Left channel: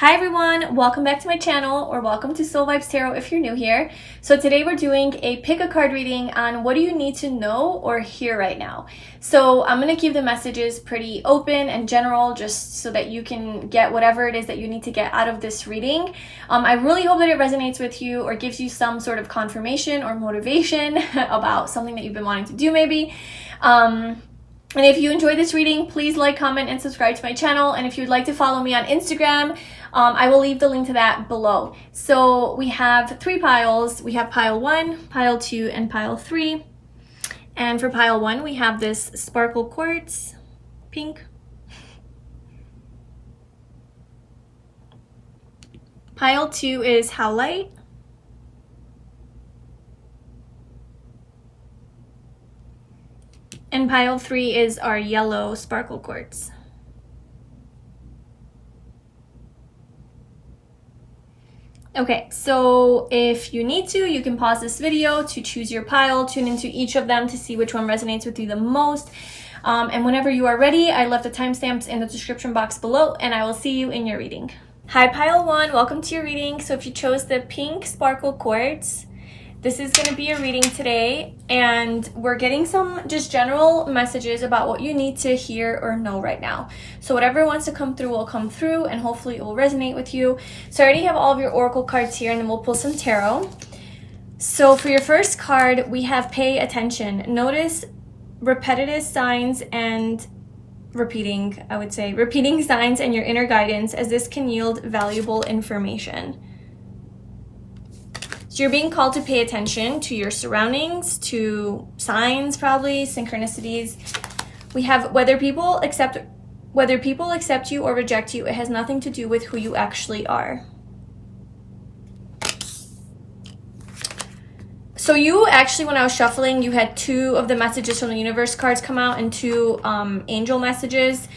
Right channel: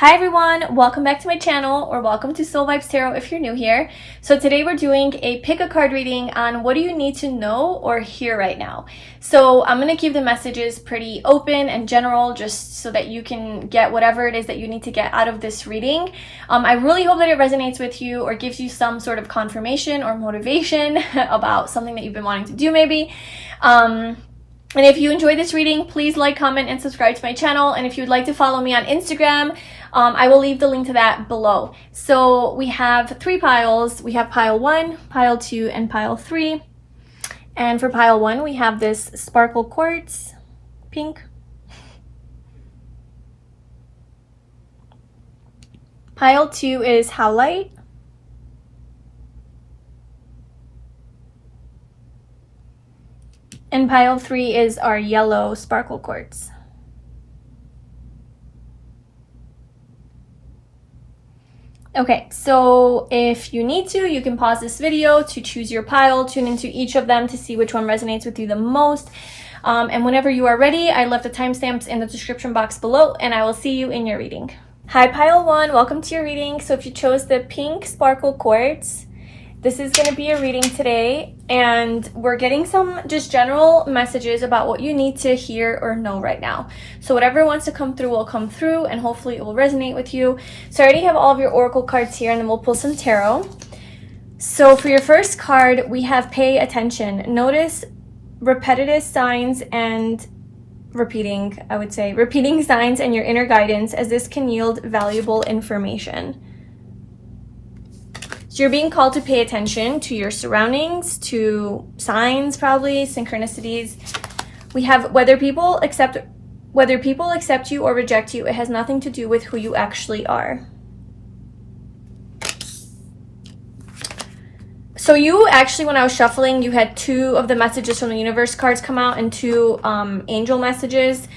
Hi everyone, welcome back to my channel, or welcome to Soul Vibes Tarot if you're new here. So today we're doing a pick a card reading on what do you need to know or hear right now. So I'm going to keep the messages pretty open and general just so that you can get whatever it is that you need to get out of this reading. I really hope that it resonates with you or gives you some sort of confirmation or motivation about something that you've been wanting to do maybe. And if you enjoyed this reading, please like, comment, and subscribe to my channel. And if you'd like to follow me on Instagram, I will leave the link to that below. So we have three piles. We have pile 1, pile 2, and pile 3. And for pile 1, we have this sparkle quartz, pink. Pile 2 is Howlite. And pile 3 is our yellow sparkle quartz. Okay, so if you need to, you can pause this video to choose your pile, tune into each of them to see which one resonates with you the most. And whenever you are ready, I left the timestamps in the description box below, and I will see you in your reading. Hi, pile 1, welcome to your reading. So if you chose the pink sparkle quartz, this is going to be a reading today, and we're getting some just general messages about what you need to hear or know right now. So whatever wants to come through will come through, and hopefully it will resonate with you. So I already have all of your oracle cards here, and then we'll pull some tarot. So for your first card, we have pay attention. Notice repetitive signs and repeating signs and your inner guidance, as this can yield valuable information. So you're being called to pay attention to your surroundings, to signs, probably synchronicities. We have whether people accept you or reject you, it has nothing to do with who you actually are. So you actually, when I was shuffling, you had 2 of the messages from the universe cards come out and 2 angel messages.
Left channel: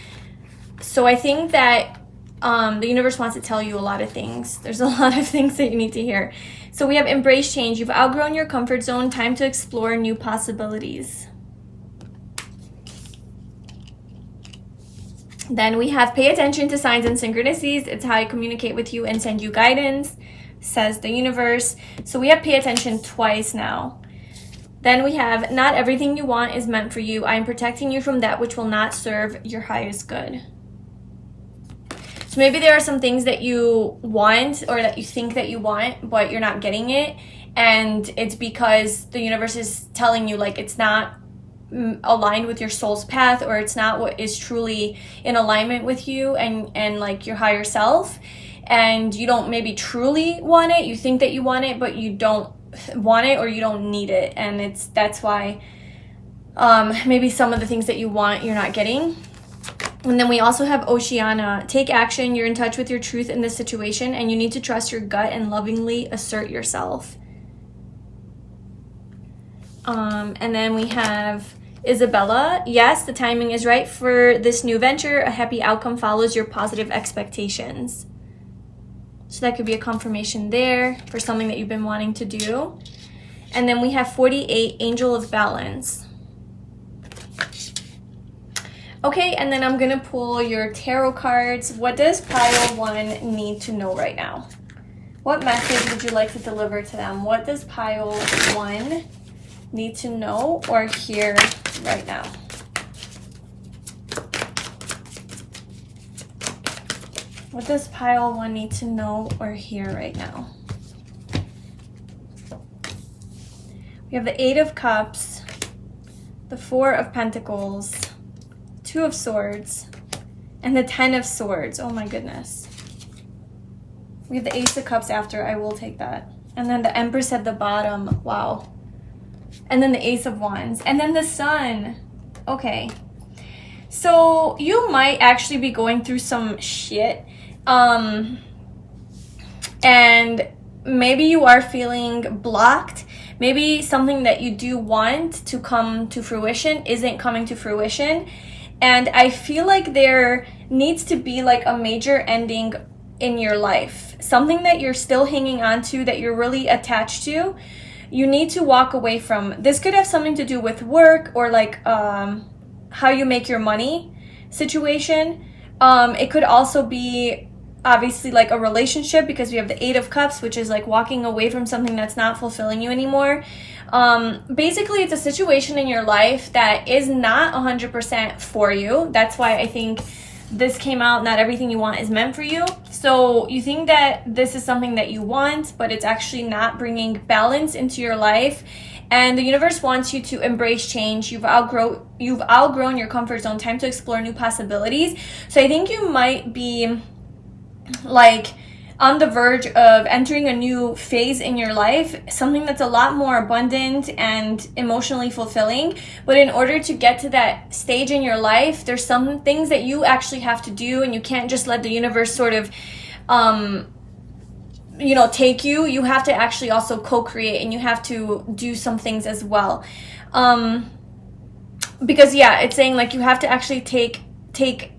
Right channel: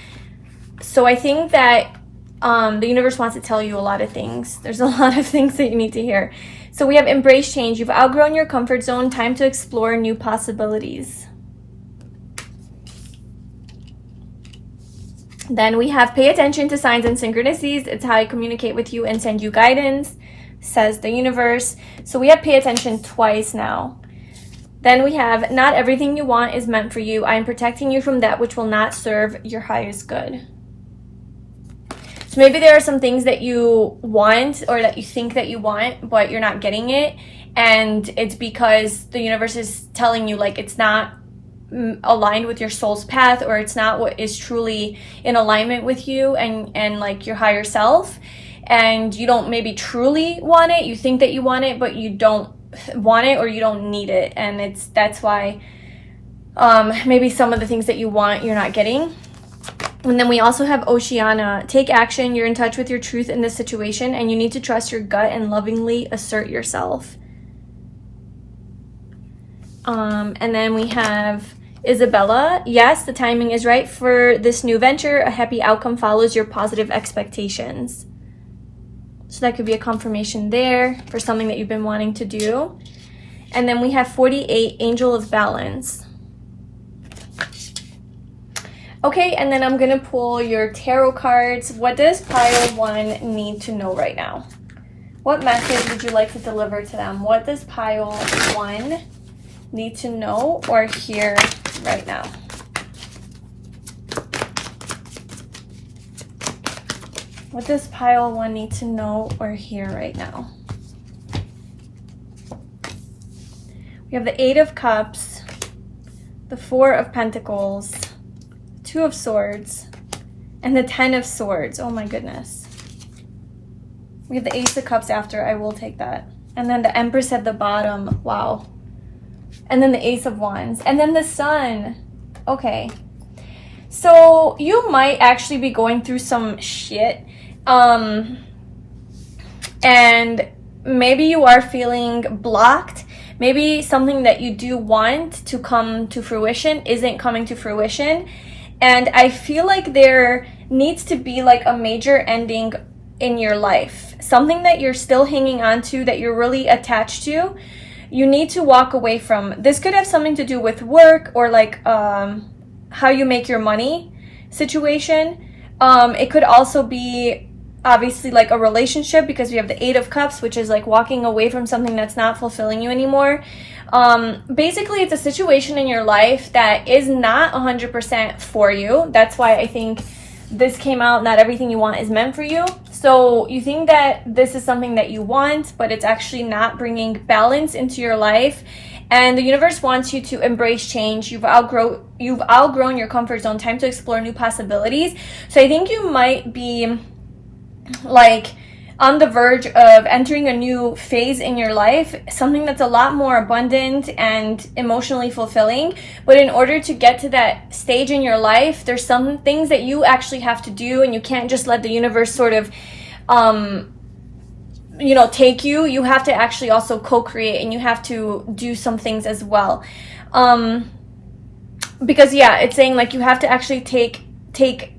So I think that the universe wants to tell you a lot of things. There's a lot of things that you need to hear. So we have embrace change. You've outgrown your comfort zone. Time to explore new possibilities. Then we have pay attention to signs and synchronicities. It's how I communicate with you and send you guidance, says the universe. So we have pay attention twice now. Then we have not everything you want is meant for you. I am protecting you from that which will not serve your highest good. So maybe there are some things that you want or that you think that you want, but you're not getting it. And it's because the universe is telling you like it's not aligned with your soul's path, or it's not what is truly in alignment with you and like your higher self. And you don't maybe truly want it. You think that you want it, but you don't want it or you don't need it. And that's why maybe some of the things that you want, you're not getting. And then we also have Oceana. Take action. You're in touch with your truth in this situation, and you need to trust your gut and lovingly assert yourself. And then we have Isabella. Yes, the timing is right for this new venture. A happy outcome follows your positive expectations. So that could be a confirmation there for something that you've been wanting to do. And then we have 48, Angel of Balance. Okay, and then I'm going to pull your tarot cards. What does pile 1 need to know right now? What message would you like to deliver to them? What does pile 1 need to know or hear right now? What does pile 1 need to know or hear right now? We have the 8 of Cups, the 4 of Pentacles, 2 of Swords, and the 10 of Swords. Oh my goodness. We have the Ace of Cups after. I will take that. And then the Empress at the bottom. Wow. And then the Ace of Wands. And then the Sun. Okay. So you might actually be going through some shit. And maybe you are feeling blocked. Maybe something that you do want to come to fruition isn't coming to fruition. And I feel like there needs to be like a major ending in your life. Something that you're still hanging on to, that you're really attached to. You need to walk away from. This could have something to do with work or like how you make your money situation. It could also be obviously like a relationship, because we have the Eight of Cups, which is like walking away from something that's not fulfilling you anymore. Basically, it's a situation in your life that is not 100% for you. That's why I think this came out. Not everything you want is meant for you. So you think that this is something that you want, but it's actually not bringing balance into your life. And the universe wants you to embrace change. You've outgrown your comfort zone. Time to explore new possibilities. So I think you might be like on the verge of entering a new phase in your life, something that's a lot more abundant and emotionally fulfilling. But in order to get to that stage in your life, there's some things that you actually have to do, and you can't just let the universe sort of take you. You have to actually also co-create, and you have to do some things as well. Because it's saying like you have to actually take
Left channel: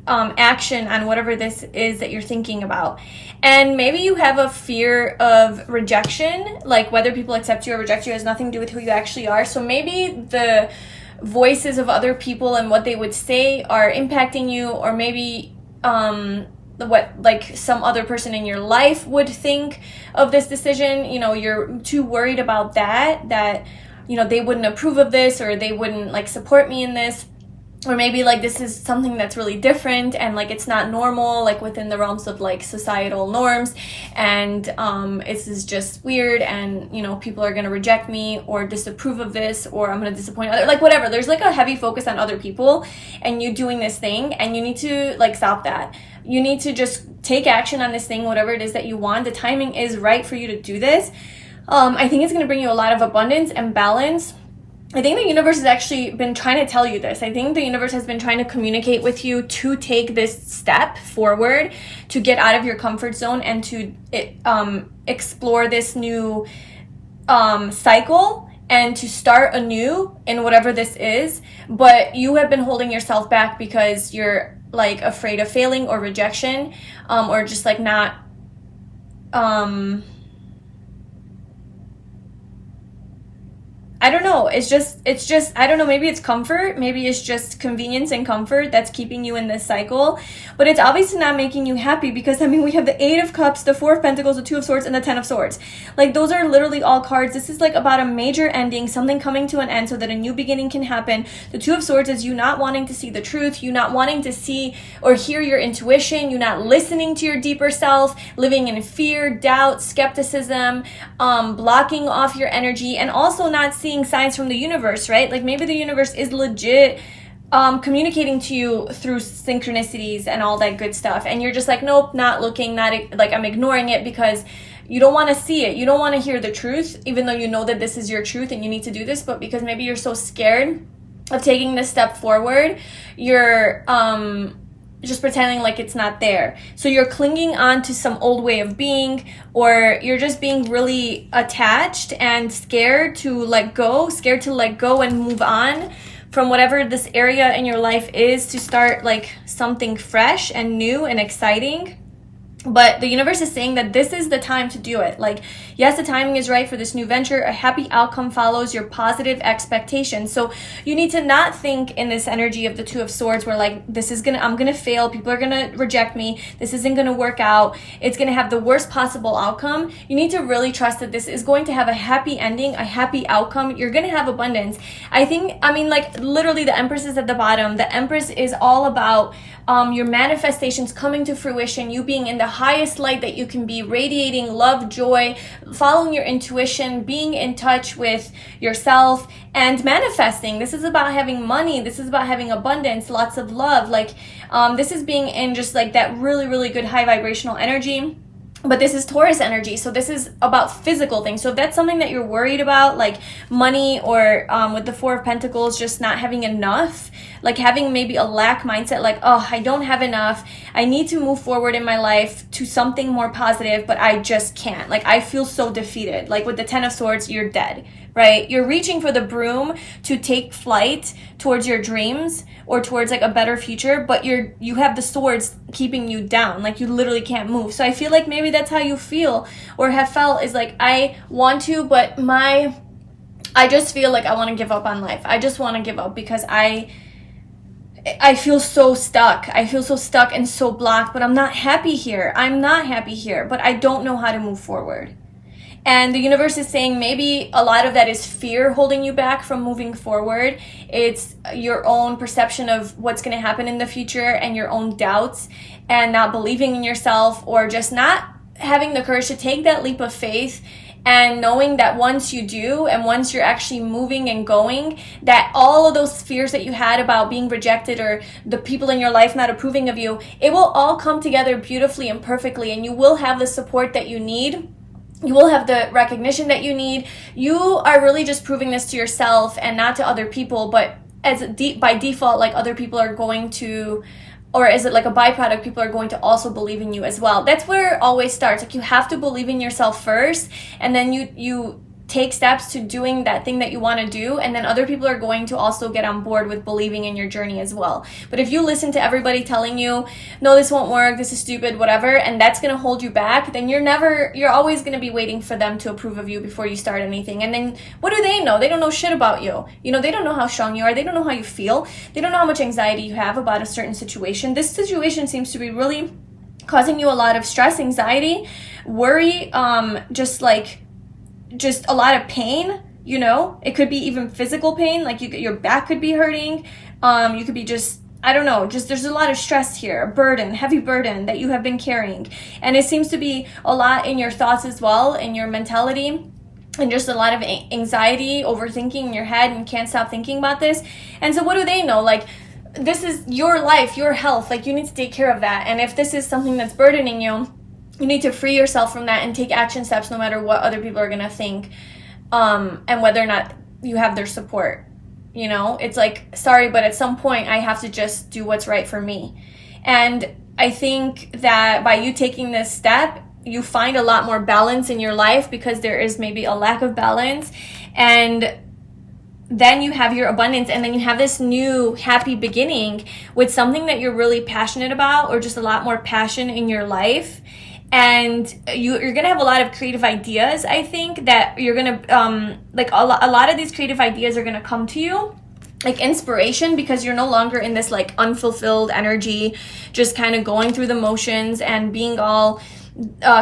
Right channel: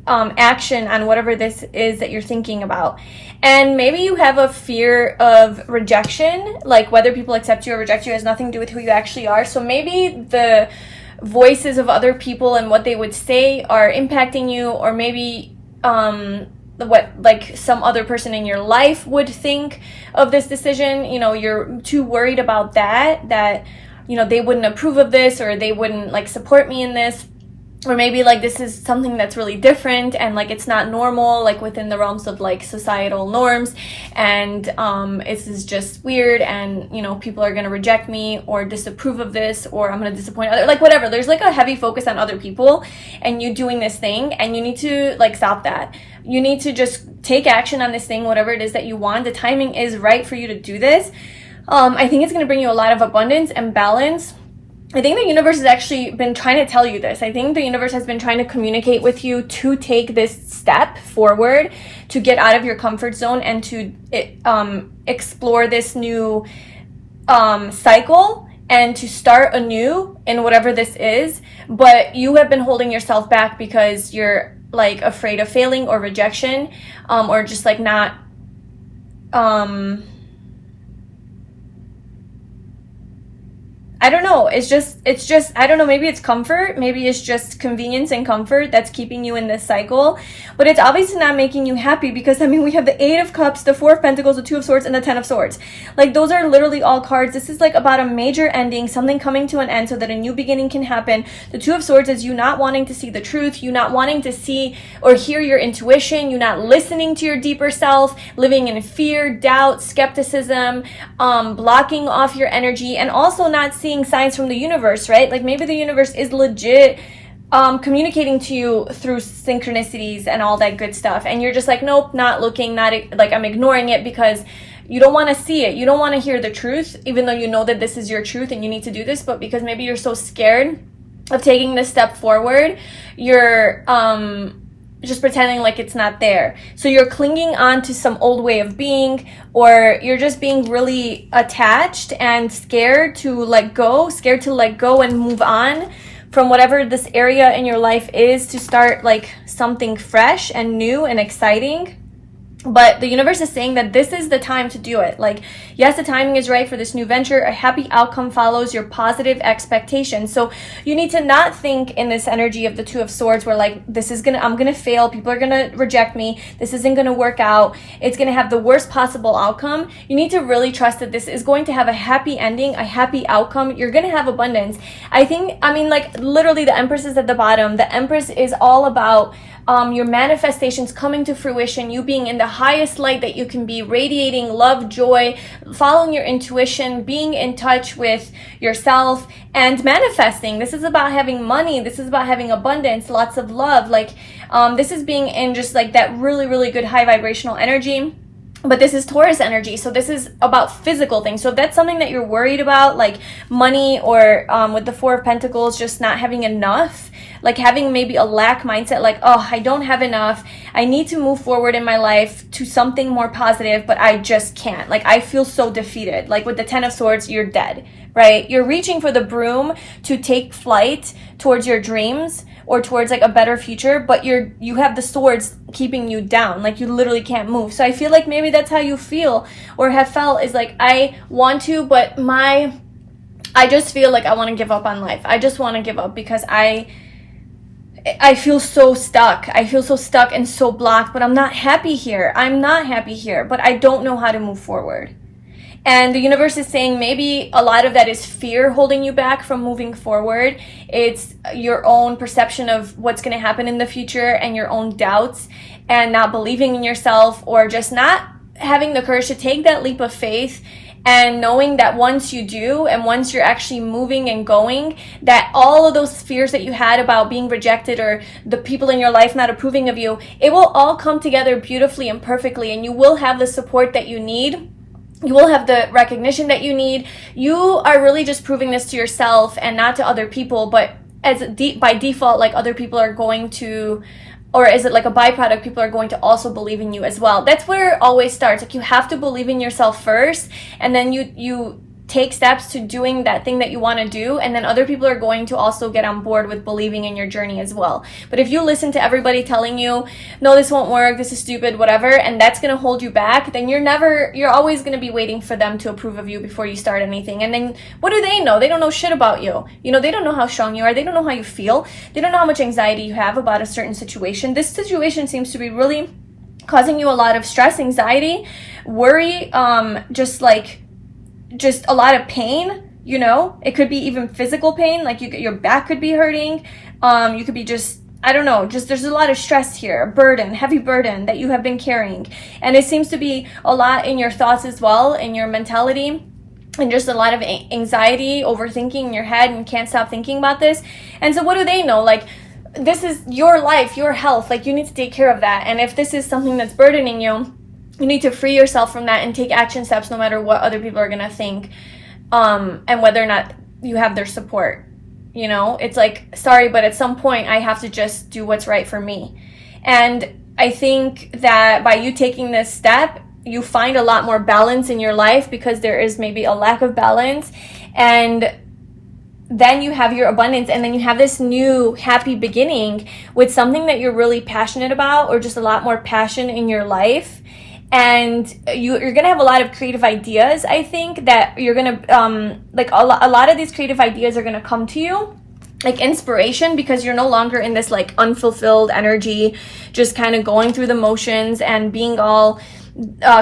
action on whatever this is that you're thinking about. And maybe you have a fear of rejection, like whether people accept you or reject you has nothing to do with who you actually are. So maybe the voices of other people and what they would say are impacting you, or maybe what like some other person in your life would think of this decision. You're too worried about that they wouldn't approve of this, or they wouldn't like support me in this. Or maybe like this is something that's really different, and like it's not normal, like within the realms of like societal norms, and this is just weird, and people are gonna reject me or disapprove of this, or I'm gonna disappoint other, like whatever. There's like a heavy focus on other people and you doing this thing, and you need to like stop that. You need to just take action on this thing, whatever it is that you want. The timing is right for you to do this. I think it's gonna bring you a lot of abundance and balance. I think the universe has actually been trying to tell you this. I think the universe has been trying to communicate with you to take this step forward, to get out of your comfort zone, and to explore this new cycle, and to start anew in whatever this is. But you have been holding yourself back because you're like afraid of failing or rejection, or just like not I don't know. It's just, I don't know, maybe it's comfort. Maybe it's just convenience and comfort that's keeping you in this cycle. But it's obviously not making you happy, because, we have the Eight of Cups, the Four of Pentacles, the Two of Swords, and the Ten of Swords. Like, those are literally all cards. This is like about a major ending, something coming to an end so that a new beginning can happen. The Two of Swords is you not wanting to see the truth, you not wanting to see or hear your intuition, you not listening to your deeper self, living in fear, doubt, skepticism, blocking off your energy, and also not seeing signs from the universe, right? Like maybe the universe is legit communicating to you through synchronicities and all that good stuff, and you're just like, nope, not looking, not like, I'm ignoring it because you don't want to see it, you don't want to hear the truth, even though you know that this is your truth and you need to do this. But because maybe you're so scared of taking this step forward, you're just pretending like it's not there. So you're clinging on to some old way of being, or you're just being really attached and scared to let go and move on from whatever this area in your life is, to start like something fresh and new and exciting. But the universe is saying that this is the time to do it. Like, yes, the timing is right for this new venture. A happy outcome follows your positive expectations. So you need to not think in this energy of the Two of Swords where like, I'm gonna fail, people are gonna reject me, this isn't gonna work out, it's gonna have the worst possible outcome. You need to really trust that this is going to have a happy ending, a happy outcome. You're gonna have abundance. Like literally the Empress is at the bottom. The Empress is all about your manifestations coming to fruition, you being in the highest light that you can be, radiating love, joy, following your intuition, being in touch with yourself, and manifesting. This is about having money, this is about having abundance, lots of love. Like this is being in just like that really, really good high vibrational energy. But this is Taurus energy, so this is about physical things. So if that's something that you're worried about, like money, or with the Four of Pentacles, just not having enough, like having maybe a lack mindset, like, oh, I don't have enough, I need to move forward in my life to something more positive, but I just can't. Like, I feel so defeated. Like with the Ten of Swords, you're dead, right? You're reaching for the broom to take flight towards your dreams or towards like a better future, but you have the swords keeping you down. Like you literally can't move. So I feel like maybe that's how you feel or have felt, is like, I want to, but I just feel like I want to give up on life. I just want to give up because I feel so stuck. I feel so stuck and so blocked, but I'm not happy here. I'm not happy here, but I don't know how to move forward. And the universe is saying maybe a lot of that is fear holding you back from moving forward. It's your own perception of what's going to happen in the future and your own doubts and not believing in yourself, or just not having the courage to take that leap of faith, and knowing that once you do, and once you're actually moving and going, that all of those fears that you had about being rejected or the people in your life not approving of you, it will all come together beautifully and perfectly, and you will have the support that you need. You will have the recognition that you need. You are really just proving this to yourself and not to other people, but by default, like other people are going to, or is it like a byproduct, people are going to also believe in you as well. That's where it always starts. Like, you have to believe in yourself first, and then you take steps to doing that thing that you want to do, and then other people are going to also get on board with believing in your journey as well. But if you listen to everybody telling you, no, this won't work, this is stupid, whatever, and that's going to hold you back, then you're always going to be waiting for them to approve of you before you start anything. And then what do they know? They don't know shit about you. You know, they don't know how strong you are. They don't know how you feel. They don't know how much anxiety you have about a certain situation. This situation seems to be really causing you a lot of stress, anxiety, worry, just a lot of pain. You know, it could be even physical pain, like your back could be hurting. You could be just, I don't know, just there's a lot of stress here, burden, heavy burden that you have been carrying. And it seems to be a lot in your thoughts as well, in your mentality, and just a lot of anxiety, overthinking in your head, and can't stop thinking about this. And so what do they know? Like, this is your life, your health, like, you need to take care of that. And if this is something that's burdening you, you need to free yourself from that and take action steps no matter what other people are going to think, and whether or not you have their support. You know, it's like, sorry, but at some point I have to just do what's right for me. And I think that by you taking this step, you find a lot more balance in your life, because there is maybe a lack of balance. And then you have your abundance, and then you have this new happy beginning with something that you're really passionate about, or just a lot more passion in your life. And you're gonna have a lot of creative ideas. I think that you're gonna like a lot of these creative ideas are gonna come to you like inspiration, because you're no longer in this like unfulfilled energy, just kind of going through the motions and being all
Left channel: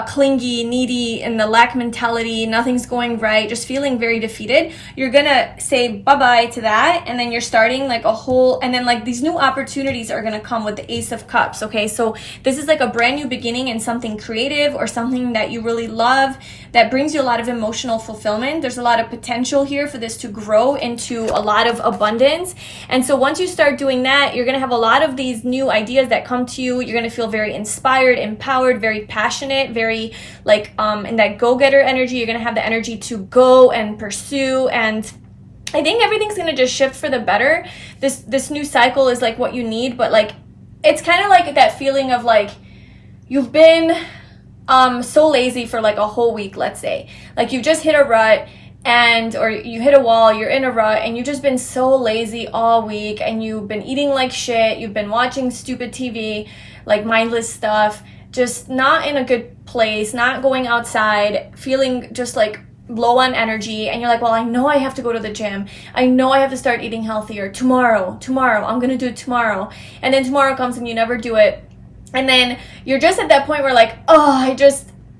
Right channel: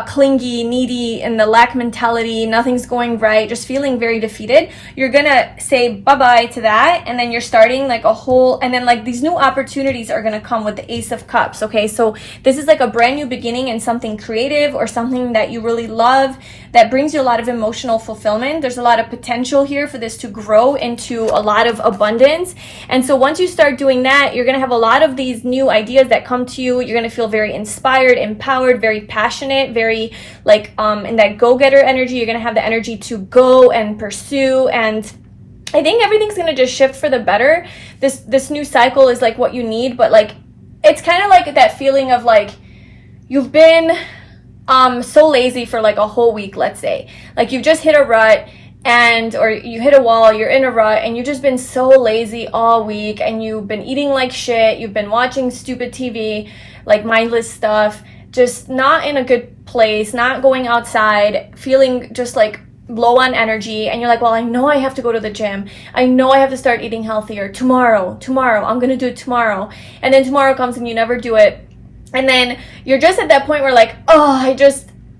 clingy, needy, in the lack mentality, nothing's going right, just feeling very defeated. You're gonna say bye-bye to that, and then you're starting like a whole, and then like these new opportunities are gonna come with the Ace of Cups. Okay, so this is like a brand new beginning in something creative, or something that you really love, that brings you a lot of emotional fulfillment. There's a lot of potential here for this to grow into a lot of abundance. And so once you start doing that, you're gonna have a lot of these new ideas that come to you. You're gonna feel very inspired, empowered, very passionate, very like in that go-getter energy. You're gonna have the energy to go and pursue, and I think everything's gonna just shift for the better. This new cycle is like what you need, but like it's kind of like that feeling of like you've been so lazy for like a whole week, let's say, like you've just hit a rut, and or you hit a wall, you're in a rut, and you've just been so lazy all week, and you've been eating like shit, you've been watching stupid TV, like mindless stuff, just not in a good place, not going outside, feeling just like low on energy. And you're like, well, I know I have to go to the gym, I know I have to start eating healthier tomorrow, I'm gonna do it tomorrow. And then tomorrow comes and you never do it. And then you're just at that point where like, oh,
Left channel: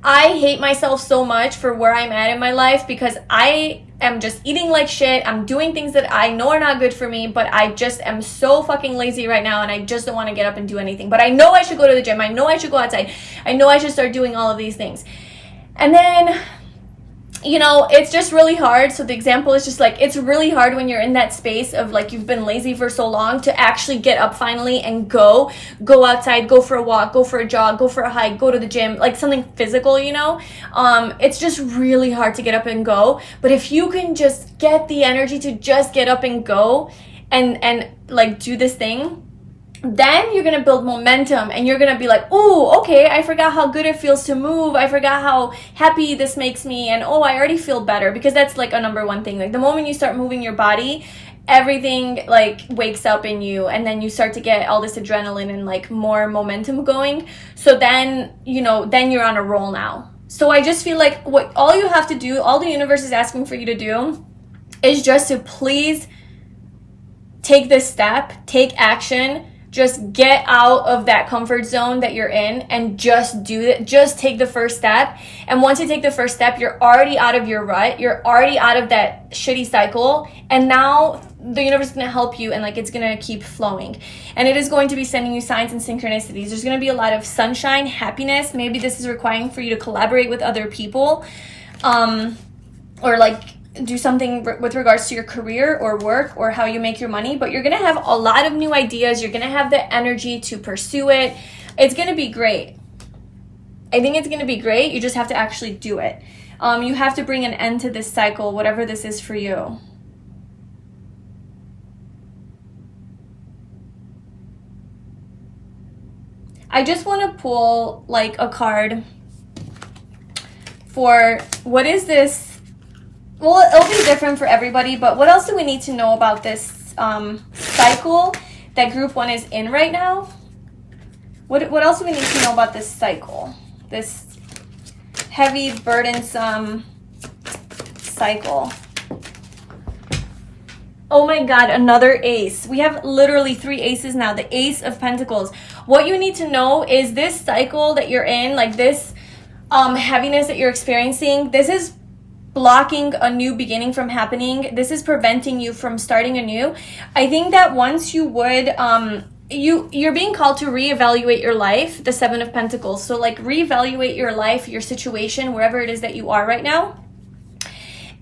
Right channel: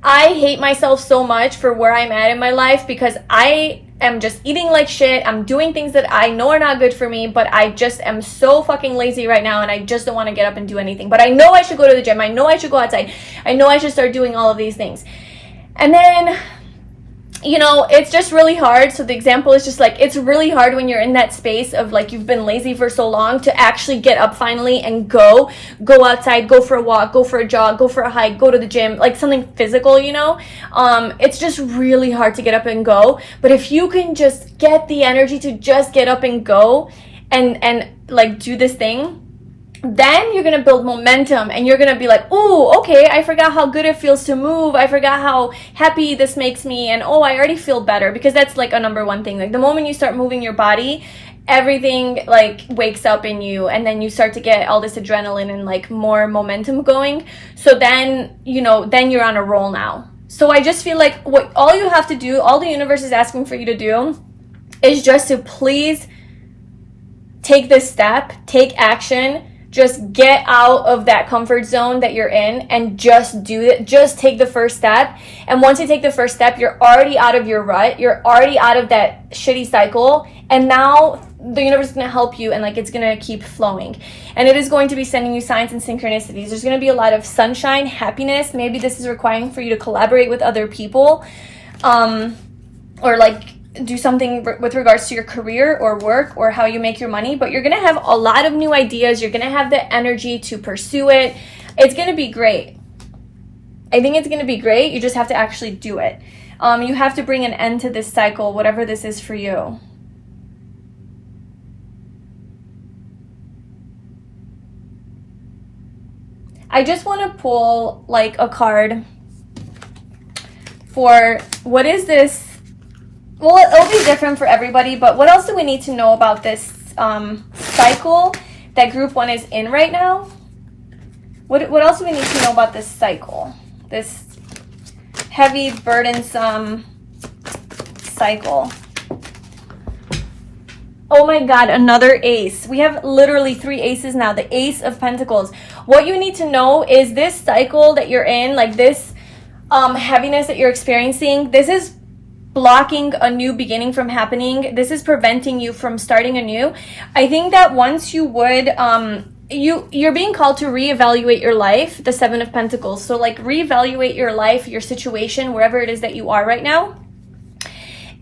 I hate myself so much for where I'm at in my life, because I am just eating like shit. I'm doing things that I know are not good for me, but I just am so fucking lazy right now, and I just don't want to get up and do anything. But I know I should go to the gym. I know I should go outside. I know I should start doing all of these things. And then, you know, it's just really hard. So the example is just like, it's really hard when you're in that space of like, you've been lazy for so long, to actually get up finally and go outside, go for a walk, go for a jog, go for a hike, go to the gym, like something physical, you know. It's just really hard to get up and go. But if you can just get the energy to just get up and go and like do this thing, then you're gonna build momentum, and you're gonna be like, oh, okay, I forgot how good it feels to move, I forgot how happy this makes me, and oh, I already feel better. Because that's like a number one thing. Like the moment you start moving your body, everything like wakes up in you, and then you start to get all this adrenaline and like more momentum going. So then, you know, then you're on a roll now. So I just feel like what all you have to do, all the universe is asking for you to do, is just to please take this step, take action. Just get out of that comfort zone that you're in and just do it. Just take the first step. And once you take the first step, you're already out of your rut. You're already out of that shitty cycle. And now the universe is going to help you, and like it's going to keep flowing. And it is going to be sending you signs and synchronicities. There's going to be a lot of sunshine, happiness. Maybe this is requiring for you to collaborate with other people, or like do something with regards to your career or work or how you make your money. But you're going to have a lot of new ideas. You're going to have the energy to pursue it. It's going to be great. I think it's going to be great. You just have to actually do it. You have to bring an end to this cycle, whatever this is for you. I just want to pull like a card for what is this. Well, it'll be different for everybody, but what else do we need to know about this cycle that group 1 is in right now? What else do we need to know about this cycle? This heavy, burdensome cycle. Oh my God, another ace. We have literally 3 aces now. The Ace of Pentacles. What you need to know is this cycle that you're in, like this heaviness that you're experiencing, this is blocking a new beginning from happening. This is preventing you from starting anew. I think that once you would, you're being called to reevaluate your life, the 7 of Pentacles. So like reevaluate your life, your situation, wherever it is that you are right now.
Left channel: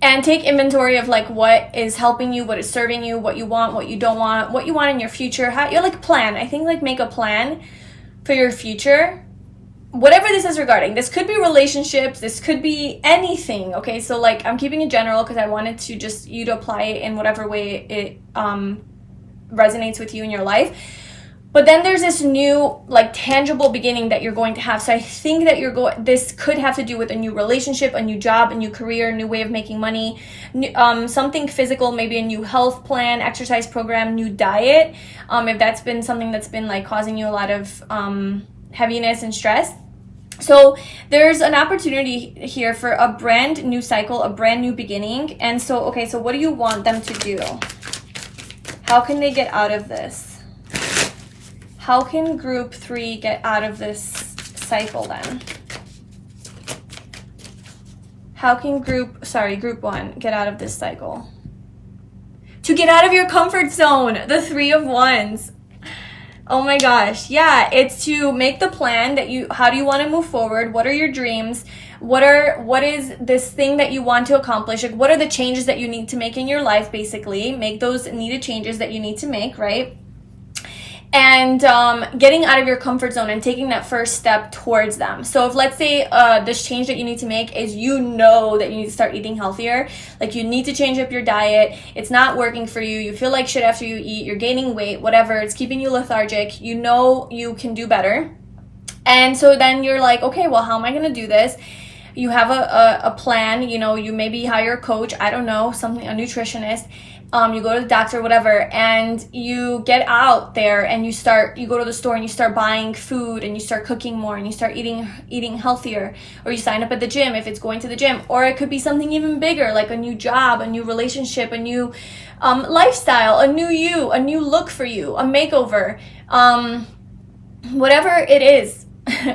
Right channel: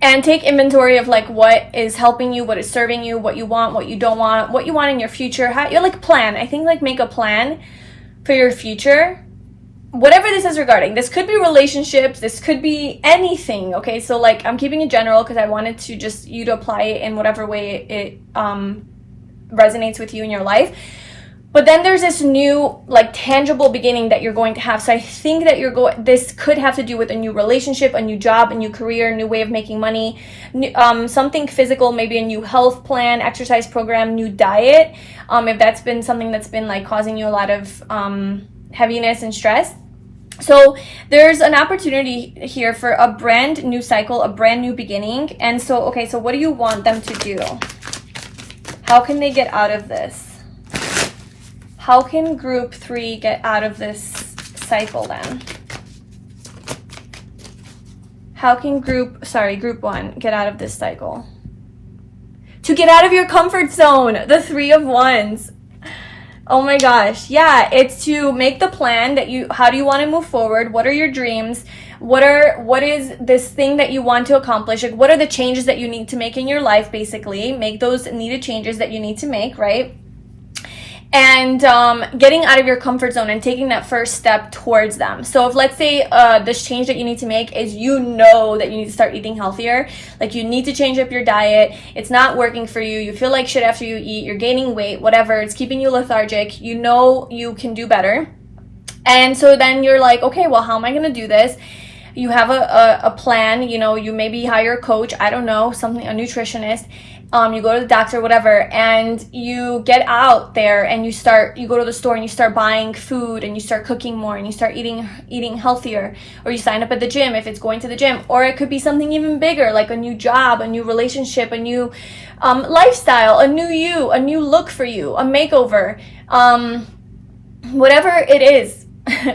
And take inventory of like what is helping you, what is serving you, what you want, what you don't want, what you want in your future. How you like plan. I think like make a plan for your future. Whatever this is regarding. This could be relationships. This could be anything. Okay, so like I'm keeping it general because I wanted to just you to apply it in whatever way it resonates with you in your life. But then there's this new like tangible beginning that you're going to have. So I think that this could have to do with a new relationship, a new job, a new career, a new way of making money, something physical, maybe a new health plan, exercise program, new diet. If that's been something that's been like causing you a lot of heaviness and stress. So there's an opportunity here for a brand new cycle, a brand new beginning. And so, okay, so what do you want them to do? How can they get out of this? How can group 3 get out of this cycle then? How can group 1 get out of this cycle? To get out of your comfort zone, the 3 of Wands. Oh my gosh. Yeah, it's to make the plan that how do you want to move forward? What are your dreams? What is this thing that you want to accomplish? Like, what are the changes that you need to make in your life, basically? Make those needed changes that you need to make, right? And getting out of your comfort zone and taking that first step towards them. So if let's say this change that you need to make is that you need to start eating healthier, like you need to change up your diet, it's not working for you, you feel like shit after you eat, you're gaining weight, whatever, it's keeping you lethargic, you know you can do better. And so then you're like, okay, well, how am I going to do this? You have a plan, you maybe hire a coach, I don't know, a nutritionist. You go to the doctor, whatever, and you get out there and you go to the store and you start buying food and you start cooking more and you start eating healthier, or you sign up at the gym if it's going to the gym, or it could be something even bigger like a new job, a new relationship, a new lifestyle, a new you, a new look for you, a makeover, whatever it is.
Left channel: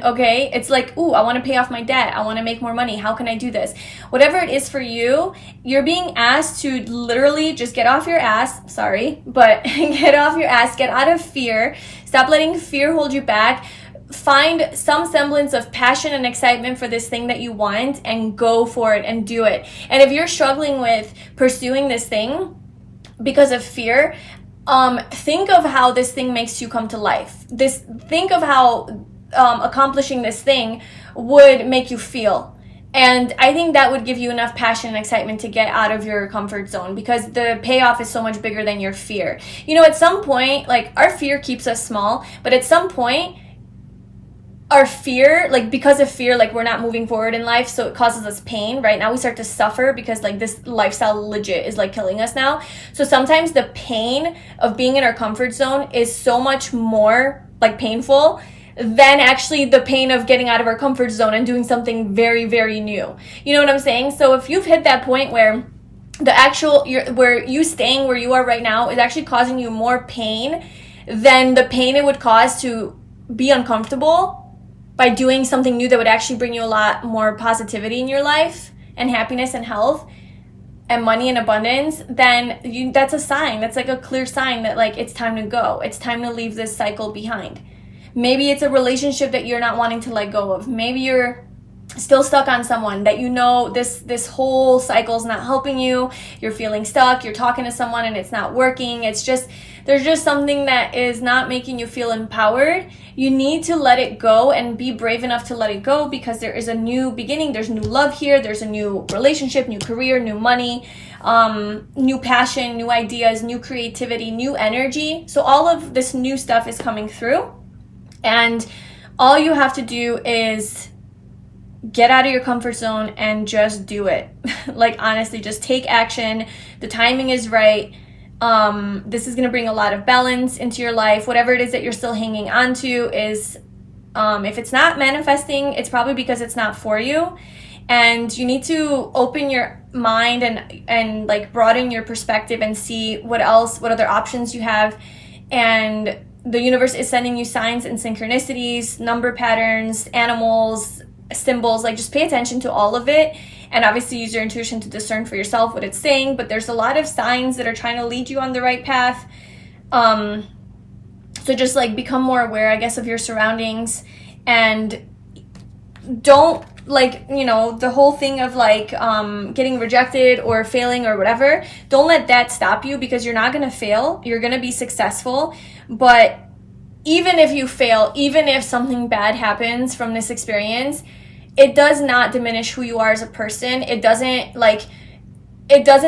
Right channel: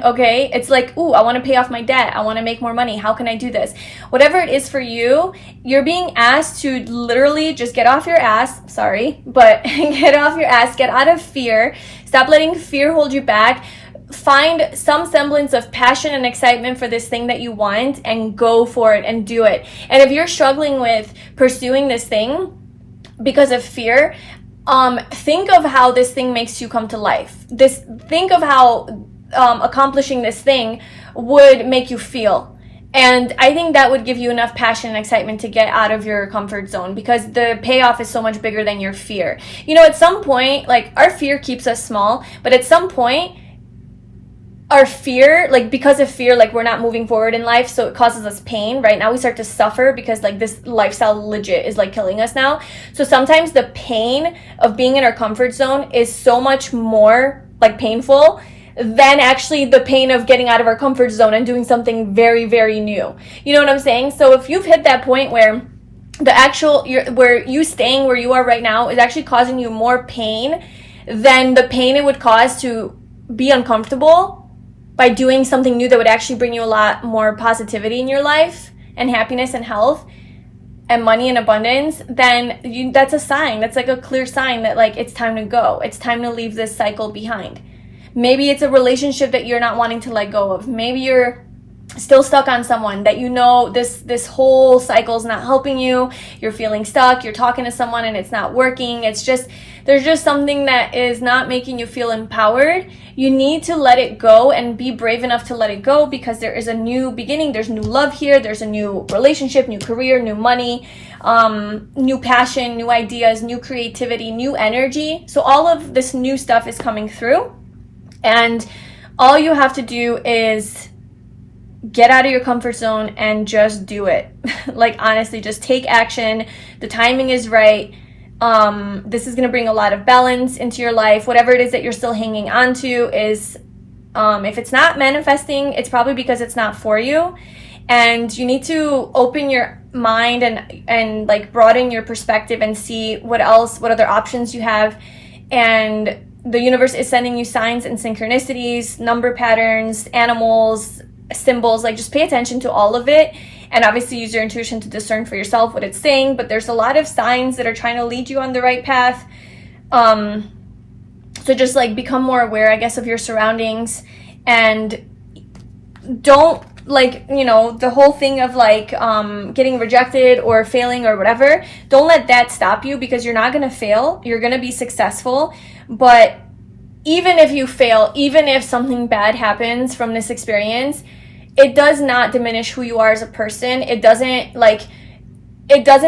Okay, it's like, ooh, I want to pay off my debt, I want to make more money, how can I do this? Whatever it is for you, you're being asked to literally just get off your ass, get off your ass, get out of fear, stop letting fear hold you back, find some semblance of passion and excitement for this thing that you want and go for it and do it. And if you're struggling with pursuing this thing because of fear, think of how this thing makes you come to life. Think of how accomplishing this thing would make you feel. And I think that would give you enough passion and excitement to get out of your comfort zone, because the payoff is so much bigger than your fear. At some point, like, our fear keeps us small, but at some point, our fear, like, because of fear, like, we're not moving forward in life, so it causes us pain. Right now we start to suffer because, like, this lifestyle legit is, like, killing us now. So sometimes the pain of being in our comfort zone is so much more, like, painful than actually the pain of getting out of our comfort zone and doing something very, very new. You know what I'm saying? So if you've hit that point where where you staying where you are right now is actually causing you more pain than the pain it would cause to be uncomfortable by doing something new that would actually bring you a lot more positivity in your life and happiness and health and money and abundance. Then that's a sign. That's like a clear sign that like it's time to go. It's time to leave this cycle behind. Maybe it's a relationship that you're not wanting to let go of. Maybe you're still stuck on someone that you know this whole cycle is not helping you. You're feeling stuck. You're talking to someone and it's not working. There's just something that is not making you feel empowered. You need to let it go and be brave enough to let it go, because there is a new beginning. There's new love here. There's a new relationship, new career, new money, new passion, new ideas, new creativity, new energy. So all of this new stuff is coming through, and all you have to do is get out of your comfort zone and just do it. Like, honestly, just take action. The timing is right. This is going to bring a lot of balance into your life. Whatever it is that you're still hanging on to is, if it's not manifesting, it's probably because it's not for you. And you need to open your mind and like broaden your perspective and see what other options you have. And the universe is sending you signs and synchronicities, number patterns, animals, symbols. Like, just pay attention to all of it, and obviously use your intuition to discern for yourself what it's saying. But there's a lot of signs that are trying to lead you on the right path. So just like become more aware, I guess, of your surroundings, and don't, like, you know, the whole thing of like getting rejected or failing or whatever, don't let that stop you, because you're not going to fail. You're going to be successful. But even if you fail, even if something bad happens from this experience, it does not diminish who you are as a person. It doesn't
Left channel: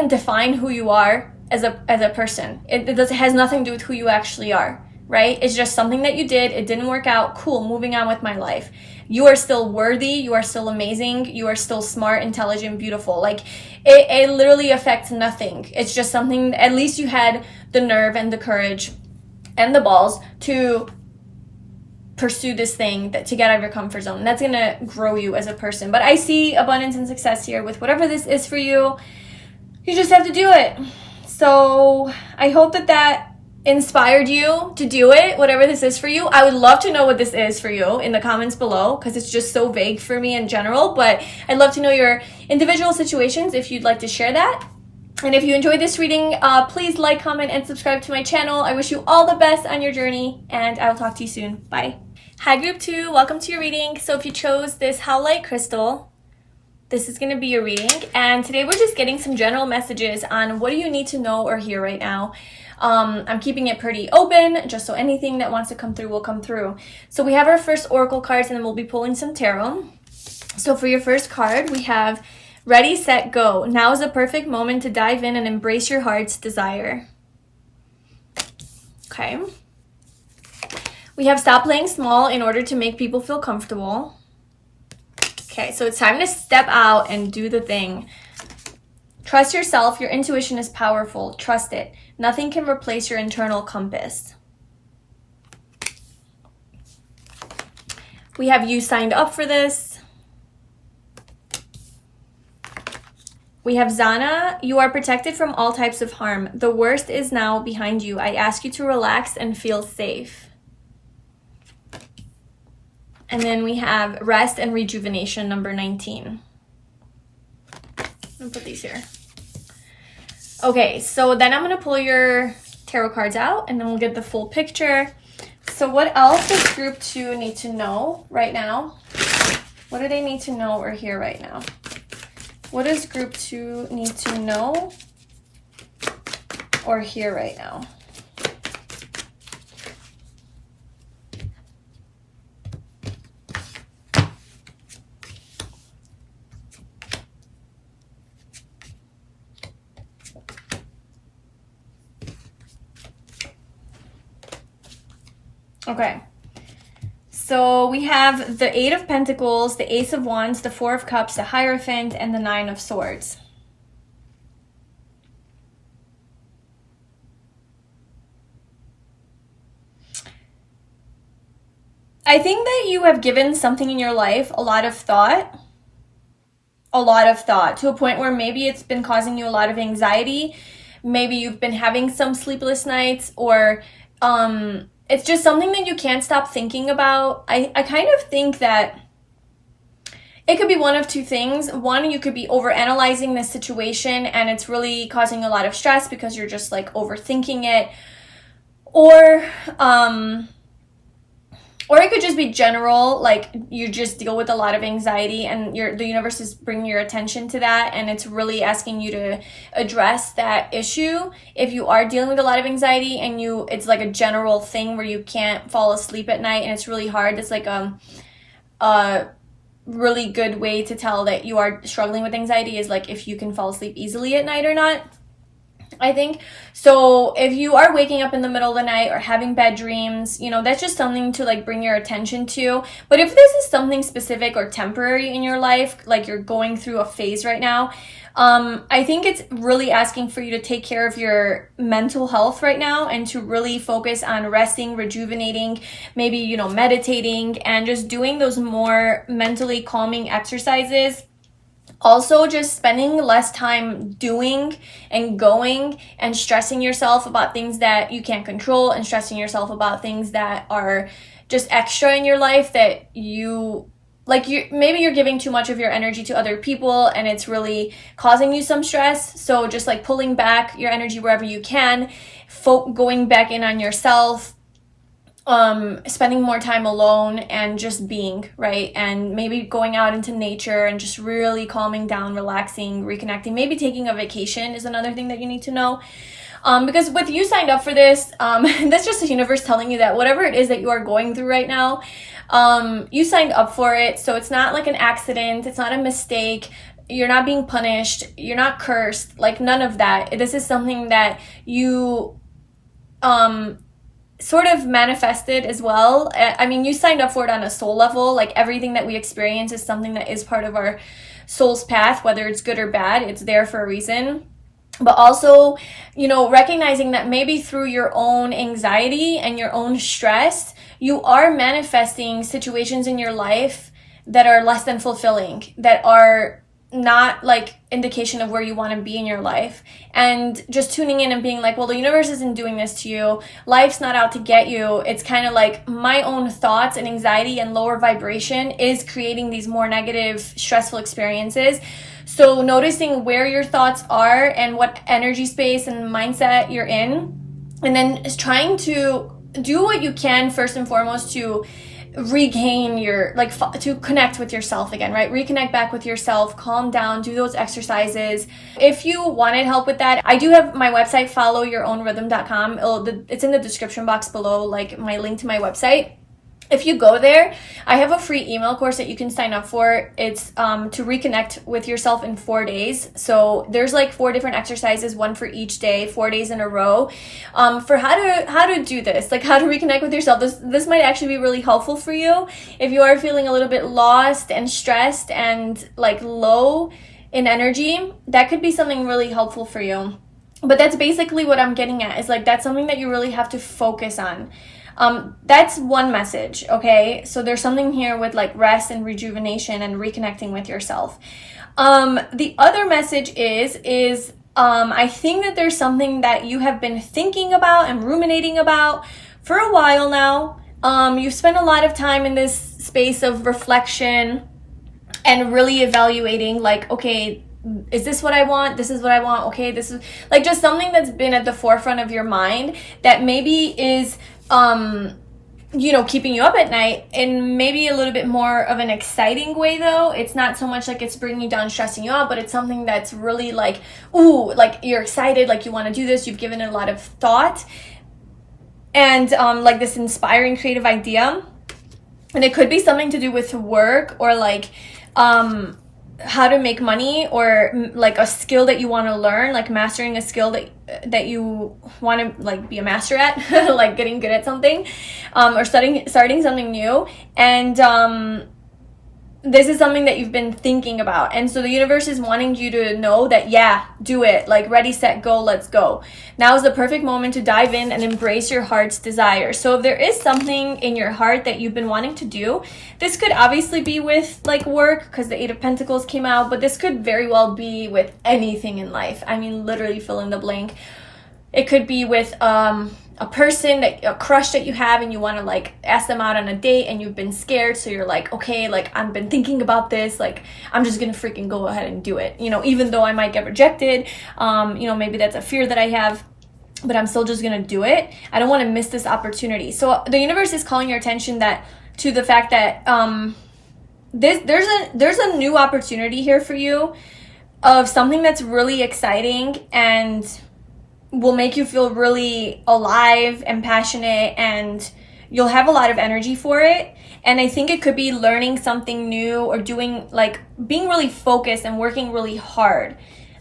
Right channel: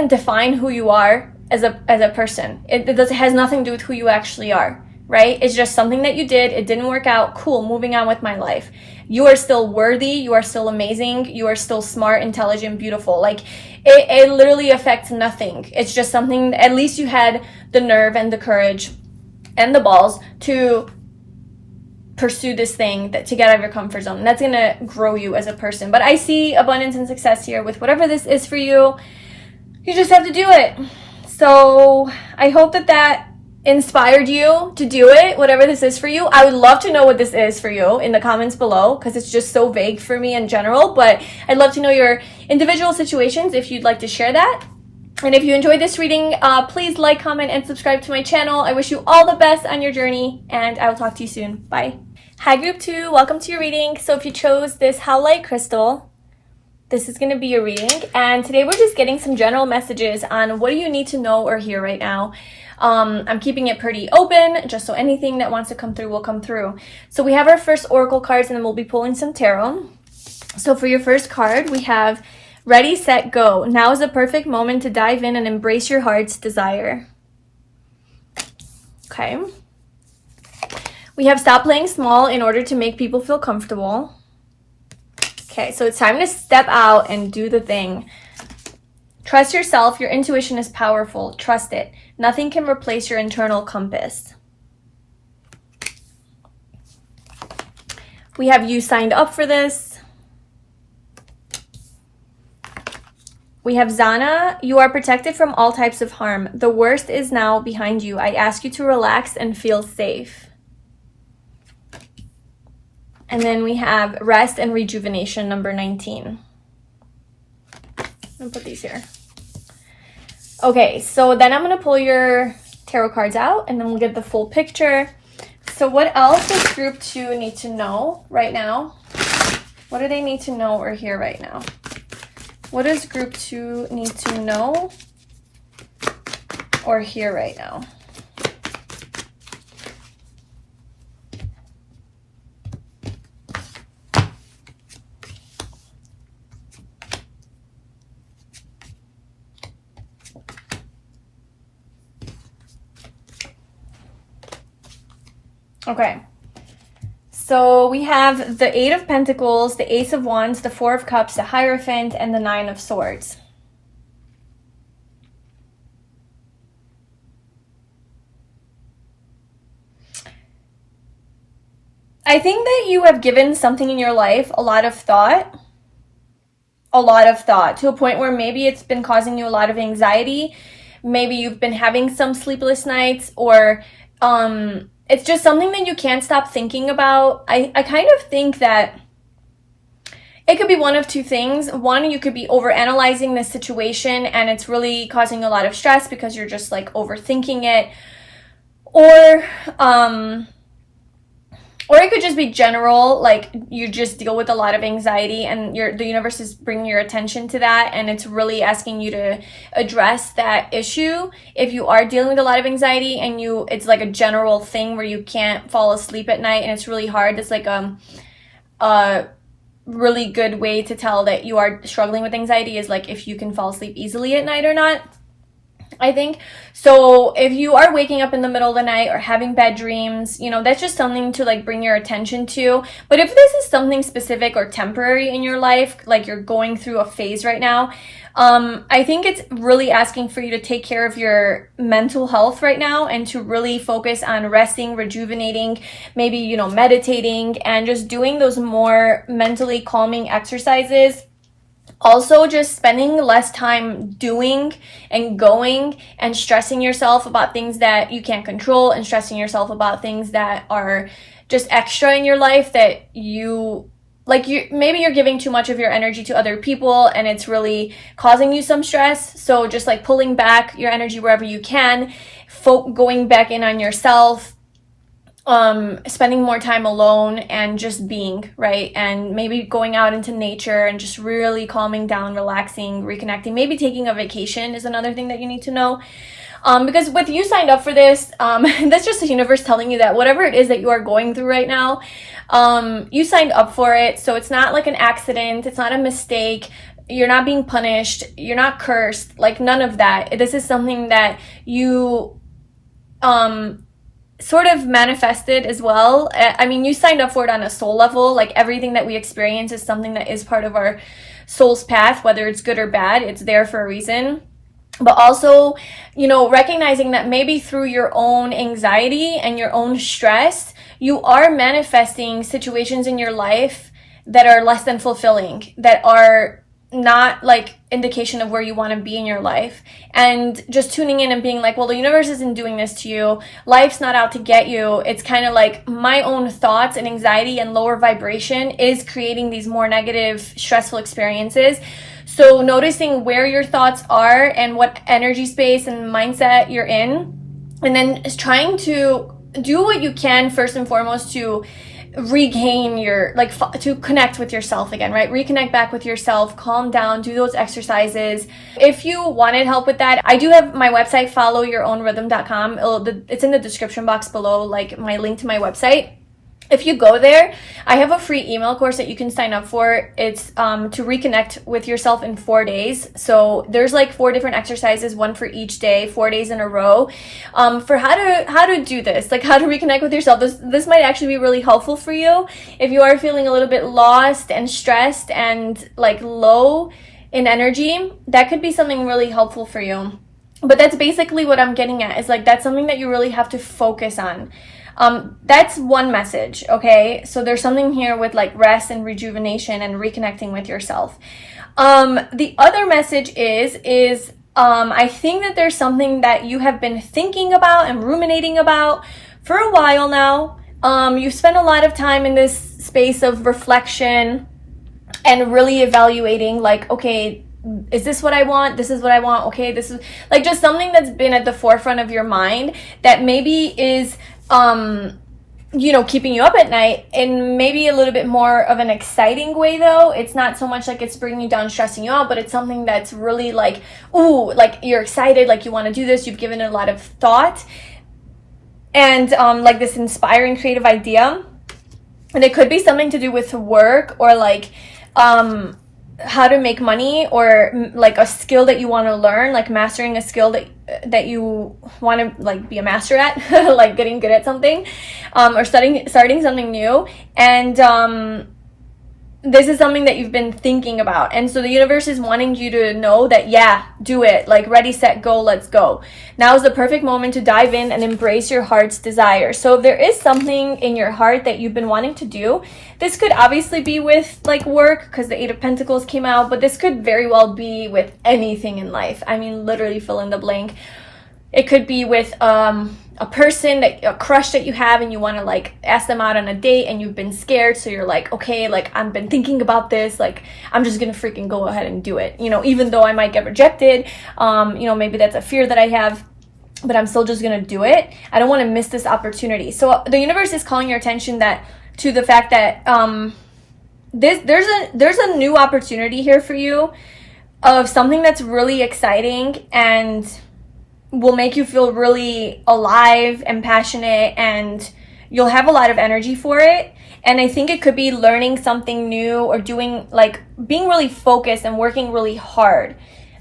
define who you are as a person. It has nothing to do with who you actually are, right? It's just something that you did. It didn't work out. Cool, moving on with my life. You are still worthy. You are still amazing. You are still smart, intelligent, beautiful. Like, it literally affects nothing. It's just something, at least you had the nerve and the courage and the balls to pursue this thing, to get out of your comfort zone. And that's going to grow you as a person. But I see abundance and success here with whatever this is for you. You just have to do it. So I hope that inspired you to do it, whatever this is for you. I would love to know what this is for you in the comments below, because it's just so vague for me in general. But I'd love to know your individual situations if you'd like to share that. And if you enjoyed this reading, please like, comment, and subscribe to my channel. I wish you all the best on your journey, and I will talk to you soon. Bye. Hi, Group 2. Welcome to your reading. So if you chose this Howlite crystal, this is going to be your reading. And today we're just getting some general messages on what do you need to know or hear right now. I'm keeping it pretty open, just so anything that wants to come through will come through. So we have our first oracle cards, and then we'll be pulling some tarot. So for your first card, we have Ready, Set, Go. Now is the perfect moment to dive in and embrace your heart's desire. Okay. We have Stop Playing Small in order to make people feel comfortable. Okay, so it's time to step out and do the thing. Trust yourself. Your intuition is powerful. Trust it. Nothing can replace your internal compass. We have You Signed Up for This. We have Zana. You are protected from all types of harm. The worst is now behind you. I ask you to relax and feel safe. And then we have Rest and Rejuvenation, number 19. I'll put these here. Okay, so then I'm going to pull your tarot cards out, and then we'll get the full picture. So what else does Group 2 need to know right now? What do they need to know or hear right now? What does Group 2 need to know or hear right now? Okay, so we have the Eight of Pentacles, the Ace of Wands, the Four of Cups, the Hierophant, and the Nine of Swords. I think that you have given something in your life a lot of thought, a lot of thought, to a point where maybe it's been causing you a lot of anxiety. Maybe you've been having some sleepless nights, or it's just something that you can't stop thinking about. I kind of think that it could be one of two things. One, you could be overanalyzing this situation and it's really causing a lot of stress because you're just like overthinking it. Or it could just be general, like you just deal with a lot of anxiety and the universe is bringing your attention to that, and it's really asking you to address that issue. If you are dealing with a lot of anxiety and it's like a general thing where you can't fall asleep at night and it's really hard, it's like a really good way to tell that you are struggling with anxiety is like if you can fall asleep easily at night or not, I think. So if you are waking up in the middle of the night or having bad dreams, that's just something to like bring your attention to. But if this is something specific or temporary in your life, like you're going through a phase right now, I think it's really asking for you to take care of your mental health right now and to really focus on resting, rejuvenating, maybe, meditating, and just doing those more mentally calming exercises. Also, just spending less time doing and going and stressing yourself about things that you can't control, and stressing yourself about things that are just extra in your life that maybe you're giving too much of your energy to other people and it's really causing you some stress. So just like pulling back your energy wherever you can, going back in on yourself, spending more time alone and just being, right? And maybe going out into nature and just really calming down, relaxing, reconnecting. Maybe taking a vacation is another thing that you need to know. Because with you signed up for this, that's just the universe telling you that whatever it is that you are going through right now, you signed up for it. So it's not like an accident. It's not a mistake. You're not being punished. You're not cursed. Like none of that. This is something that you, sort of manifested as well. I mean, you signed up for it on a soul level. Like everything that we experience is something that is part of our soul's path, whether it's good or bad. It's there for a reason. But also, recognizing that maybe through your own anxiety and your own stress, you are manifesting situations in your life that are less than fulfilling, that are not like indication of where you want to be in your life. And just tuning in and being like, well, the universe isn't doing this to you. Life's not out to get you. It's kind of like my own thoughts and anxiety and lower vibration is creating these more negative, stressful experiences. So noticing where your thoughts are and what energy space and mindset you're in, and then trying to do what you can first and foremost to regain your, to connect with yourself again, right? Reconnect back with yourself, calm down, do those exercises. If you wanted help with that, I do have my website, 𝖯𝖤𝖀𝖏𝑟rhythm.com. It's in the description box below, like my link to my website. If you go there, I have a free email course that you can sign up for. It's to reconnect with yourself in 4 days. So there's like 4 different exercises, one for each day, 4 days in a row, for how to do this, like how to reconnect with yourself. This might actually be really helpful for you if you are feeling a little bit lost and stressed and like low in energy. That could be something really helpful for you. But that's basically what I'm getting at, is like that's something that you really have to focus on. That's one message, okay? So there's something here with like rest and rejuvenation and reconnecting with yourself. The other message is I think that there's something that you have been thinking about and ruminating about for a while now. You've spent a lot of time in this space of reflection and really evaluating like, okay, is this what I want? This is what I want. Okay, this is like just something that's been at the forefront of your mind that maybe is keeping you up at night in maybe a little bit more of an exciting way, though. It's not so much like it's bringing you down, stressing you out, but it's something that's really like, ooh, like you're excited, like you want to do this, you've given it a lot of thought, and like this inspiring creative idea. And it could be something to do with work or like how to make money, or like a skill that you want to learn, like mastering a skill that you want to like be a master at, like getting good at something, or starting something new. And this is something that you've been thinking about. And so the universe is wanting you to know that, yeah, do it. Like, ready, set, go, let's go. Now is the perfect moment to dive in and embrace your heart's desire. So if there is something in your heart that you've been wanting to do, this could obviously be with like work, because the Eight of Pentacles came out, but this could very well be with anything in life. I mean, literally fill in the blank. It could be with a person, a crush that you have, and you want to like ask them out on a date, and you've been scared, so you're like, okay, like I've been thinking about this, like I'm just gonna freaking go ahead and do it, you know, even though I might get rejected. You know, maybe that's a fear that I have, but I'm still just gonna do it. I don't want to miss this opportunity. So the universe is calling your attention to the fact that there's a new opportunity here for you of something that's really exciting and will make you feel really alive and passionate, and you'll have a lot of energy for it. And I think it could be learning something new, or doing like being really focused and working really hard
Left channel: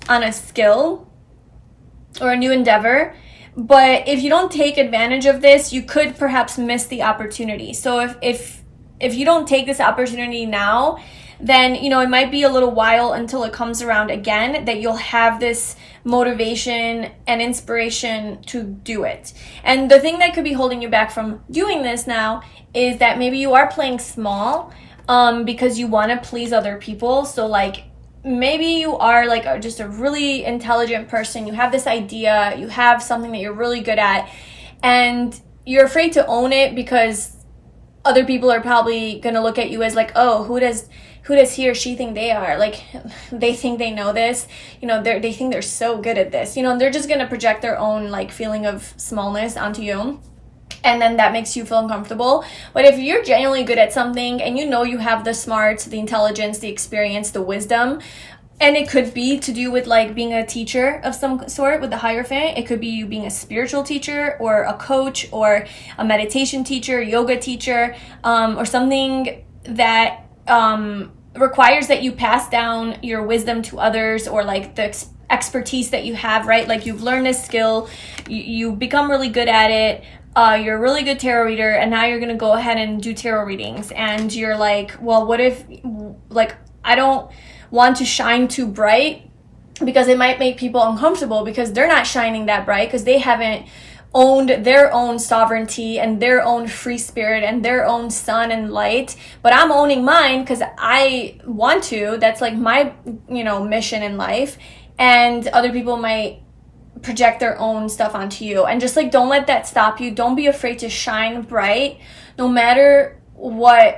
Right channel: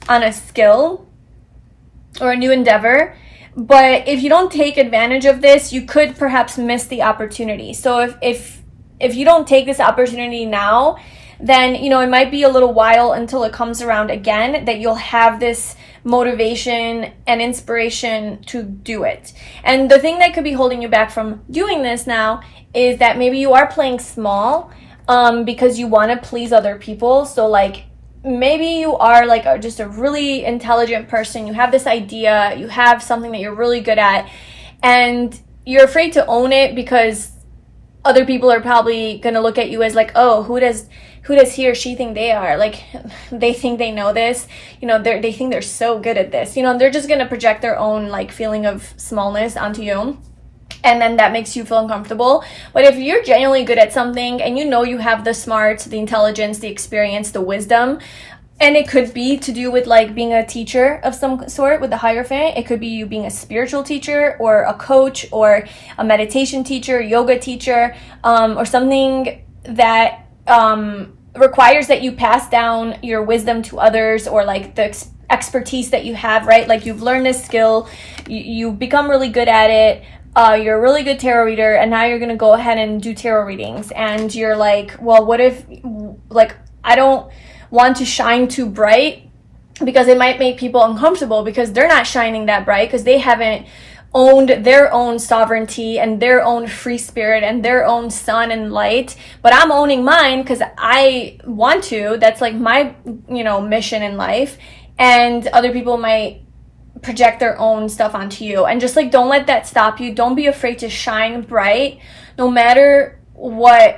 on a skill or a new endeavor. But if you don't take advantage of this, you could perhaps miss the opportunity. So if you don't take this opportunity now, then, you know, it might be a little while until it comes around again that you'll have this motivation and inspiration to do it. And the thing that could be holding you back from doing this now is that maybe you are playing small because you want to please other people. So like maybe you are like just a really intelligent person, you have this idea, you have something that you're really good at, and you're afraid to own it because other people are probably going to look at you as like, oh, who does he or she think they are? Like, they think they know this, you know, they think they're so good at this, you know, they're just going to project their own like feeling of smallness onto you. And then that makes you feel uncomfortable. But if you're genuinely good at something, and you know you have the smarts, the intelligence, the experience, the wisdom, and it could be to do with like being a teacher of some sort with the Hierophant. It could be you being a spiritual teacher, or a coach, or a meditation teacher, yoga teacher, or something that requires that you pass down your wisdom to others, or like the expertise that you have, right? Like you've learned this skill, you become really good at it, you're a really good tarot reader, and now you're gonna go ahead and do tarot readings, and you're like, well, what if, like, I don't want to shine too bright because it might make people uncomfortable because they're not shining that bright, because they haven't owned their own sovereignty and their own free spirit and their own sun and light. But I'm owning mine because I want to. That's like my, you know, mission in life. And other people might project their own stuff onto you. And just like, don't let that stop you. Don't be afraid to shine bright, no matter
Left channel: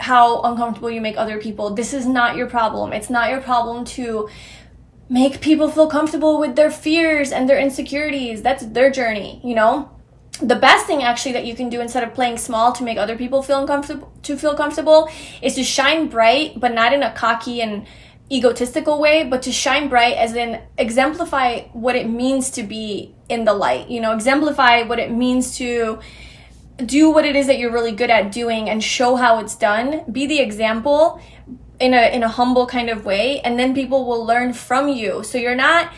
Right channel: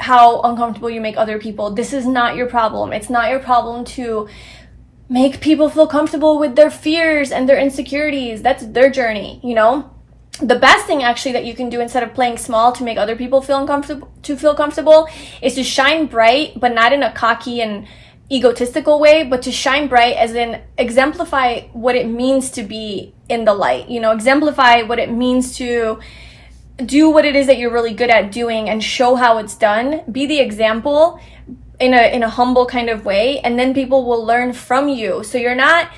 how uncomfortable you make other people. This is not your problem. It's not your problem to make people feel comfortable with their fears and their insecurities. That's their journey, you know? The best thing actually that you can do instead of playing small to make other people feel comfortable is to shine bright, but not in a cocky and egotistical way, but to shine bright as in exemplify what it means to be in the light, you know, exemplify what it means to do what it is that you're really good at doing and show how it's done. Be the example in a humble kind of way, and then people will learn from you. So you're not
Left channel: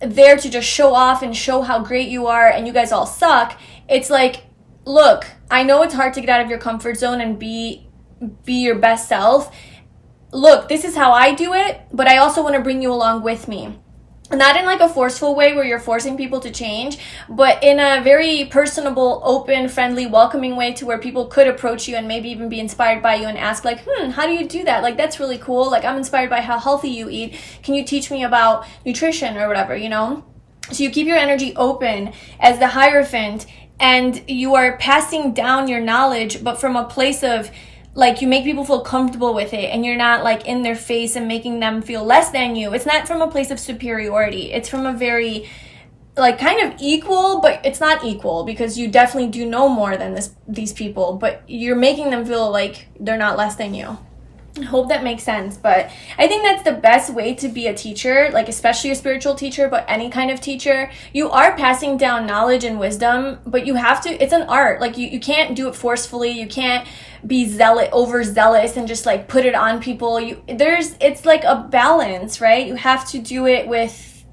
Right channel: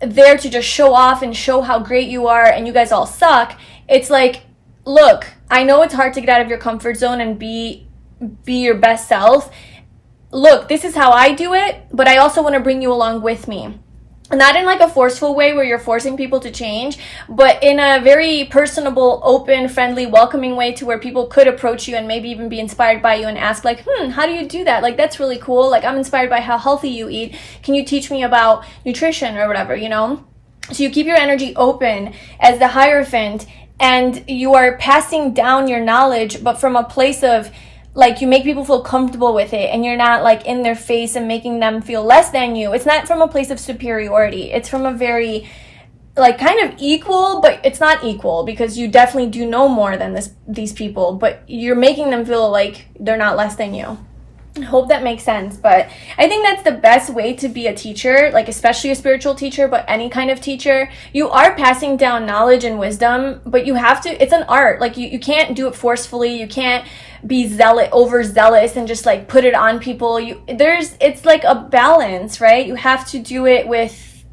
there to just show off and show how great you are and you guys all suck. It's like, look, I know it's hard to get out of your comfort zone and be your best self. Look, this is how I do it, but I also want to bring you along with me. Not in like a forceful way where you're forcing people to change, but in a very personable, open, friendly, welcoming way, to where people could approach you and maybe even be inspired by you and ask like, how do you do that? Like, that's really cool. Like, I'm inspired by how healthy you eat. Can you teach me about nutrition or whatever, you know? So you keep your energy open as the Hierophant, and you are passing down your knowledge, but from a place of like, you make people feel comfortable with it, and you're not like in their face and making them feel less than you. It's not from a place of superiority. It's from a very like kind of equal, but it's not equal, because you definitely do know more than these people, but you're making them feel like they're not less than you. I hope that makes sense. But I think that's the best way to be a teacher, like especially a spiritual teacher, but any kind of teacher. You are passing down knowledge and wisdom, but you have to, it's an art. Like you can't do it forcefully. You can't be overzealous and just like put it on people. It's like a balance, right? You have to do it with,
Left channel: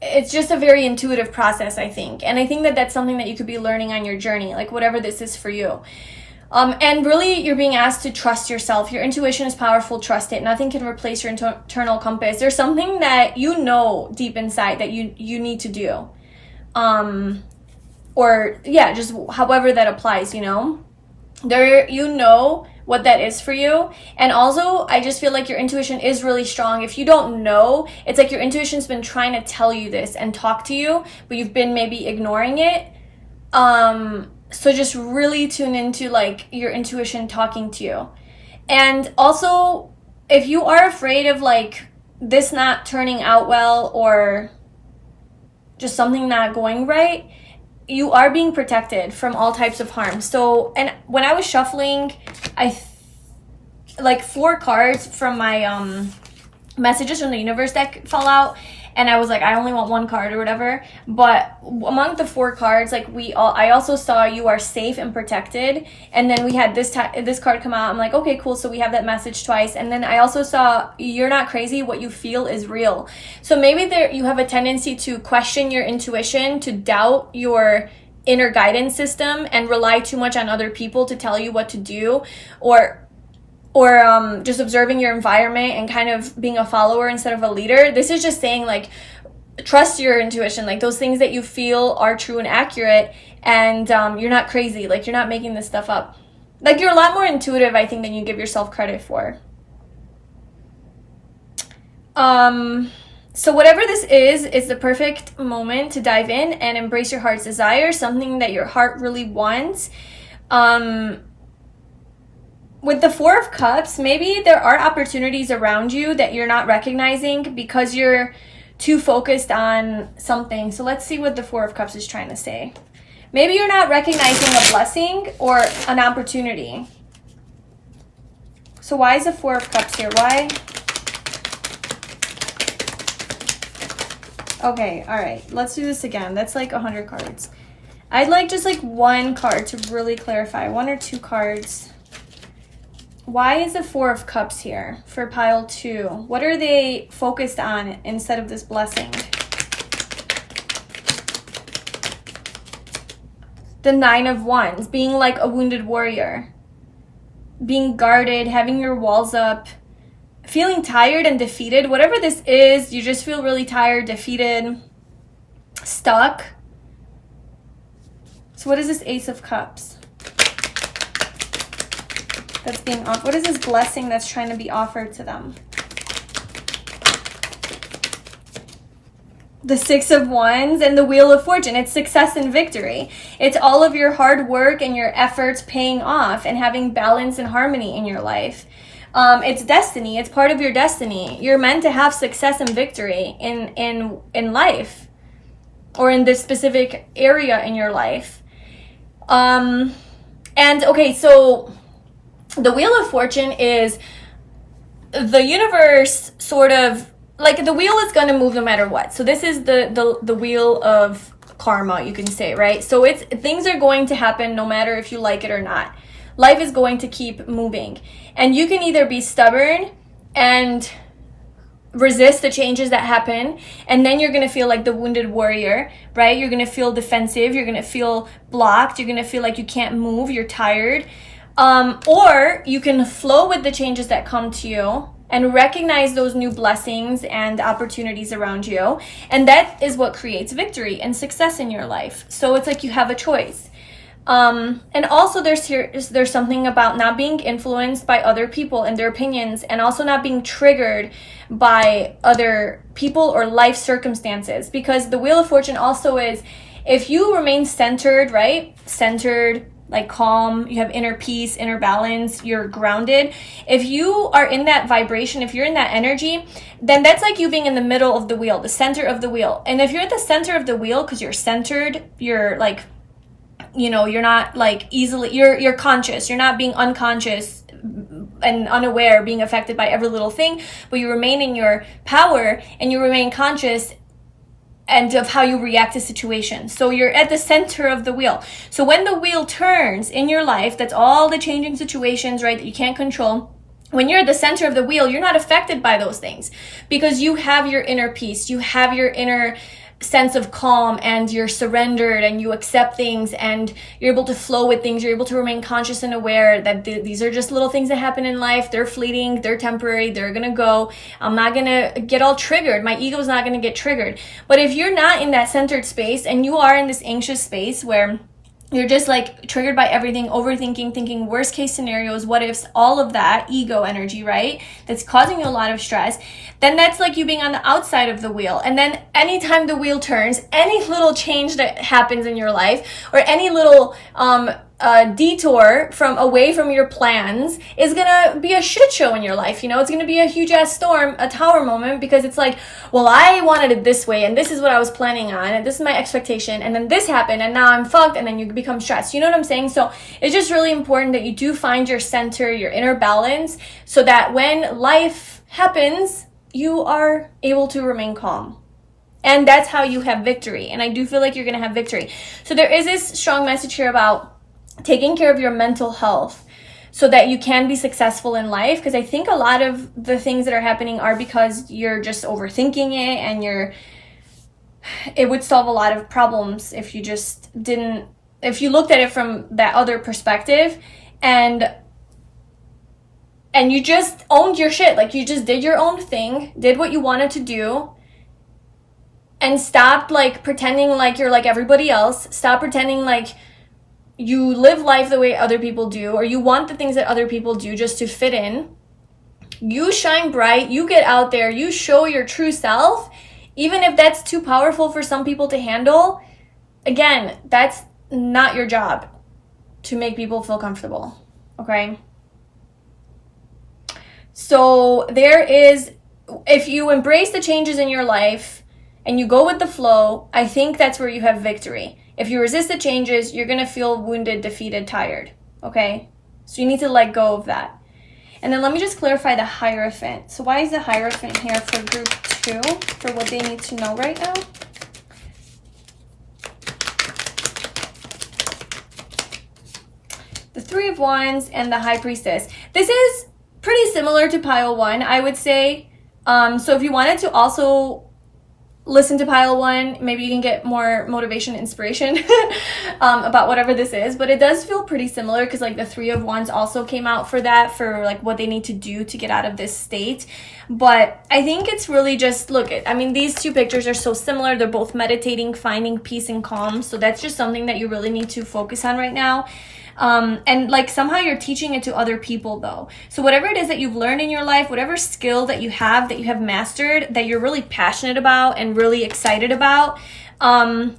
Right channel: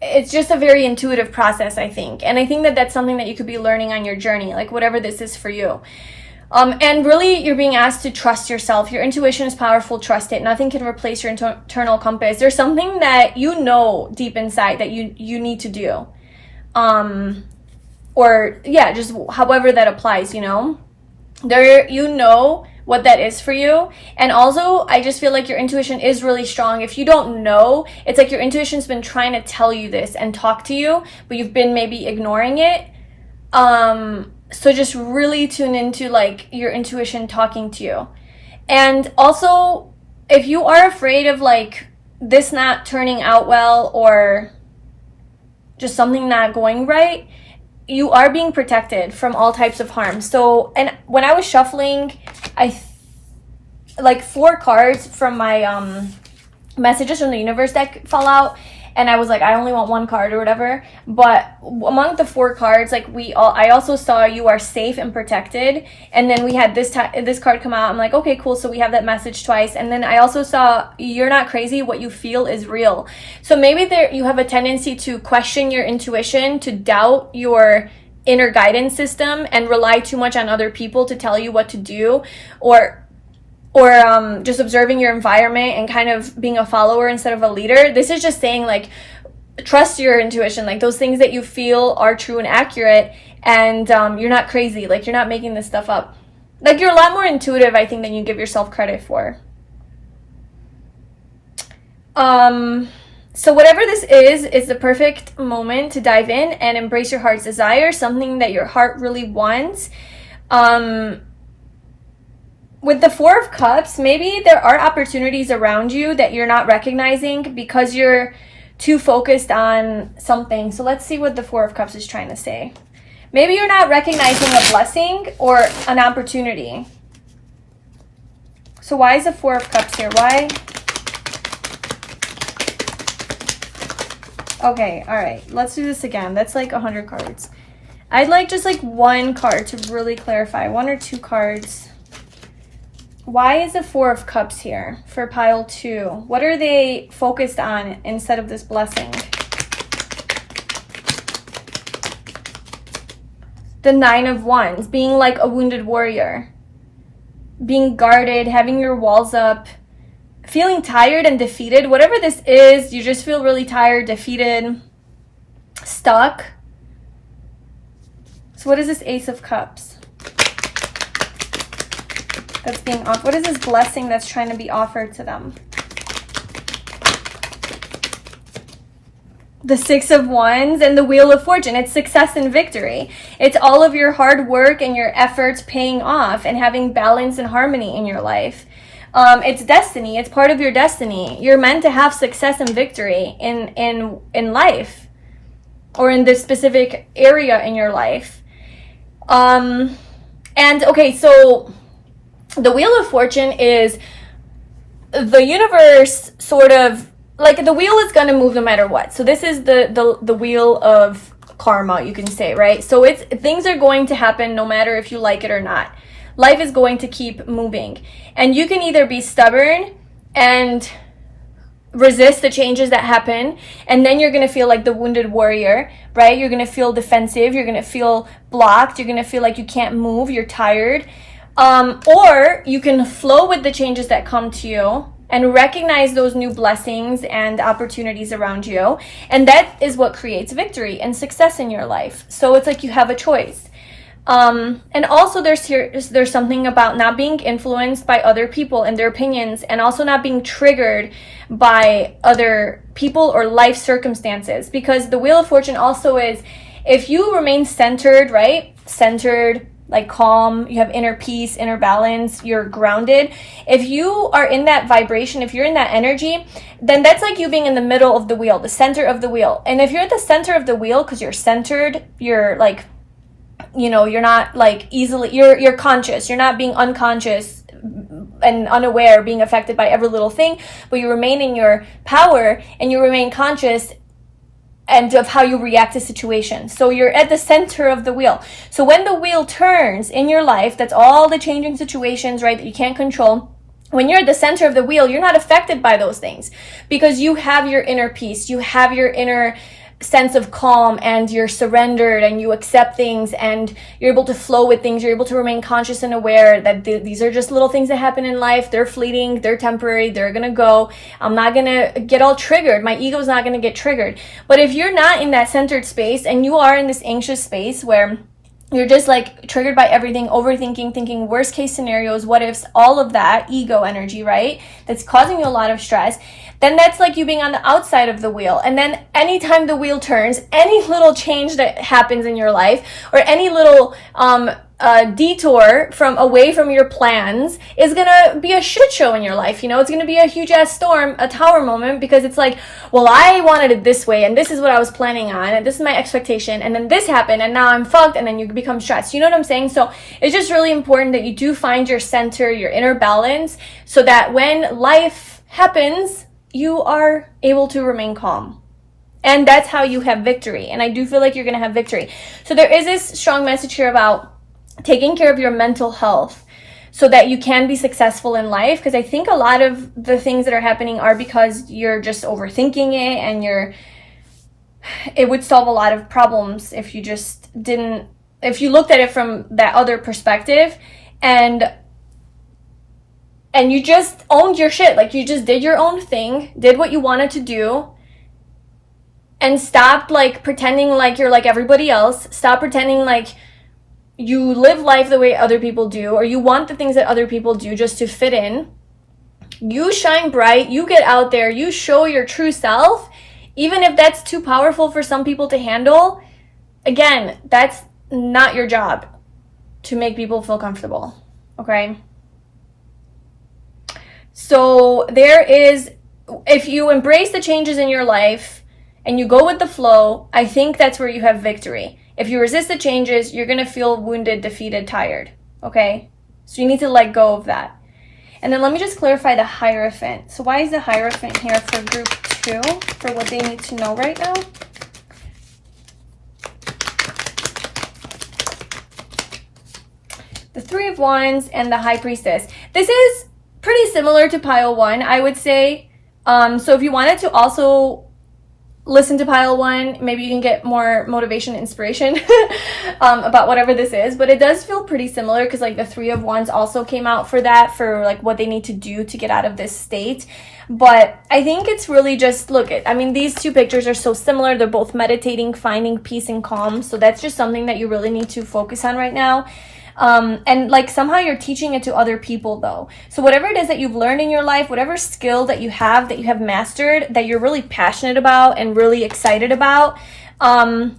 it's just a very intuitive process, I think. And I think that that's something that you could be learning on your journey, like whatever this is for you. And really, you're being asked to trust yourself. Your intuition is powerful. Trust it. Nothing can replace your internal compass. There's something that you know deep inside that you need to do. Or yeah, just however that applies, you know. You know what that is for you. And also, I just feel like your intuition is really strong. If you don't know, it's like your intuition's been trying to tell you this and talk to you, but you've been maybe ignoring it. So just really tune into like your intuition talking to you. And also, if you are afraid of like this not turning out well or just something not going right, you are being protected from all types of harm. So, and when I was shuffling, like 4 cards from my messages from the universe deck fell out, and I was like, I only want 1 card or whatever. But among the 4 cards, like I also saw you are safe and protected. And then we had this card come out. I'm like, okay, cool. So we have that message twice. And then I also saw you're not crazy. What you feel is real. So maybe you have a tendency to question your intuition, to doubt your inner guidance system, and rely too much on other people to tell you what to do, or just observing your environment and kind of being a follower instead of a leader. This is just saying like, trust your intuition. Like those things that you feel are true and accurate, and you're not crazy. Like you're not making this stuff up. Like you're a lot more intuitive, I think, than you give yourself credit for. So whatever this is the perfect moment to dive in and embrace your heart's desire, something that your heart really wants. With the 4 of Cups, maybe there are opportunities around you that you're not recognizing because you're too focused on something. So let's see what the 4 of Cups is trying to say. Maybe you're not recognizing a blessing or an opportunity. So why is the 4 of Cups here? Why? Okay, all right. Let's do this again. That's like 100 cards. I'd like just like 1 card to really clarify. 1 or 2 cards. Why is the 4 of Cups here for pile 2? What are they focused on instead of this blessing? The 9 of Wands, being like a wounded warrior. Being guarded, having your walls up, feeling tired and defeated. Whatever this is, you just feel really tired, defeated, stuck. So what is this Ace of Cups? That's being offered. What is this blessing that's trying to be offered to them? The 6 of Wands and the Wheel of Fortune. It's success and victory. It's all of your hard work and your efforts paying off and having balance and harmony in your life. It's destiny. It's part of your destiny. You're meant to have success and victory in life, or in this specific area in your life. And okay, so the Wheel of Fortune is the universe sort of, like the wheel is going to move no matter what. So this is the wheel of karma, you can say, right? So things are going to happen no matter if you like it or not. Life is going to keep moving. And you can either be stubborn and resist the changes that happen, and then you're going to feel like the wounded warrior, right? You're going to feel defensive. You're going to feel blocked. You're going to feel like you can't move. You're tired. Or you can flow with the changes that come to you and recognize those new blessings and opportunities around you. And that is what creates victory and success in your life. So it's like you have a choice. And also there's something about not being influenced by other people and their opinions, and also not being triggered by other people or life circumstances, because the Wheel of Fortune also is, if you remain centered, right? Centered, like calm, you have inner peace, inner balance, you're grounded. If you are in that vibration, if you're in that energy, then that's like you being in the middle of the wheel, the center of the wheel. And if you're at the center of the wheel because you're centered, you're like, you know, you're not like easily, you're conscious, you're not being unconscious and unaware, being affected by every little thing, but you remain in your power and you remain conscious and of how you react to situations. So you're at the center of the wheel. So when the wheel turns in your life, that's all the changing situations, right, that you can't control. When you're at the center of the wheel, you're not affected by those things because you have your inner peace, you have your inner sense of calm, and you're surrendered and you accept things and you're able to flow with things. You're able to remain conscious and aware that these are just little things that happen in life. They're fleeting, they're temporary, they're gonna go. I'm not gonna get all triggered. My ego's not gonna get triggered. But if you're not in that centered space and you are in this anxious space where you're just like triggered by everything, overthinking, thinking worst case scenarios, what ifs, all of that ego energy, right? That's causing you a lot of stress. Then that's like you being on the outside of the wheel. And then anytime the wheel turns, any little change that happens in your life or any little detour from away from your plans is gonna be a shit show in your life. You know, it's gonna be a huge ass storm, a tower moment, because it's like, well, I wanted it this way and this is what I was planning on and this is my expectation, and then this happened and now I'm fucked, and then you become stressed. You know what I'm saying? So it's just really important that you do find your center, your inner balance, so that when life happens, you are able to remain calm. And that's how you have victory. And I do feel like you're gonna have victory. So there is this strong message here about taking care of your mental health so that you can be successful in life, because I think a lot of the things that are happening are because you're just overthinking it, and it would solve a lot of problems if you just didn't, if you looked at it from that other perspective and you just owned your shit. Like, you just did your own thing, did what you wanted to do, and stopped like pretending like you're like everybody else. Stop pretending like you live life the way other people do, or you want the things that other people do just to fit in. You shine bright, you get out there, you show your true self, even if that's too powerful for some people to handle. Again, that's not your job to make people feel comfortable, okay? So if you embrace the changes in your life and you go with the flow, I think that's where you have victory. If you resist the changes, you're going to feel wounded, defeated, tired, okay? So you need to let go of that. And then let me just clarify the Hierophant. So why is the Hierophant here for group 2, for what they need to know right now? The Three of Wands and the High Priestess. This is pretty similar to pile 1, I would say. So if you wanted to also listen to pile 1, maybe you can get more motivation, inspiration about whatever this is. But it does feel pretty similar, because like the Three of Wands also came out for that, for like what they need to do to get out of this state. But I think it's really just, I mean, these two pictures are so similar. They're both meditating, finding peace and calm. So that's just something that you really need to focus on right now. And like somehow you're teaching it to other people though. So whatever it is that you've learned in your life, whatever skill that you have mastered, that you're really passionate about and really excited about, I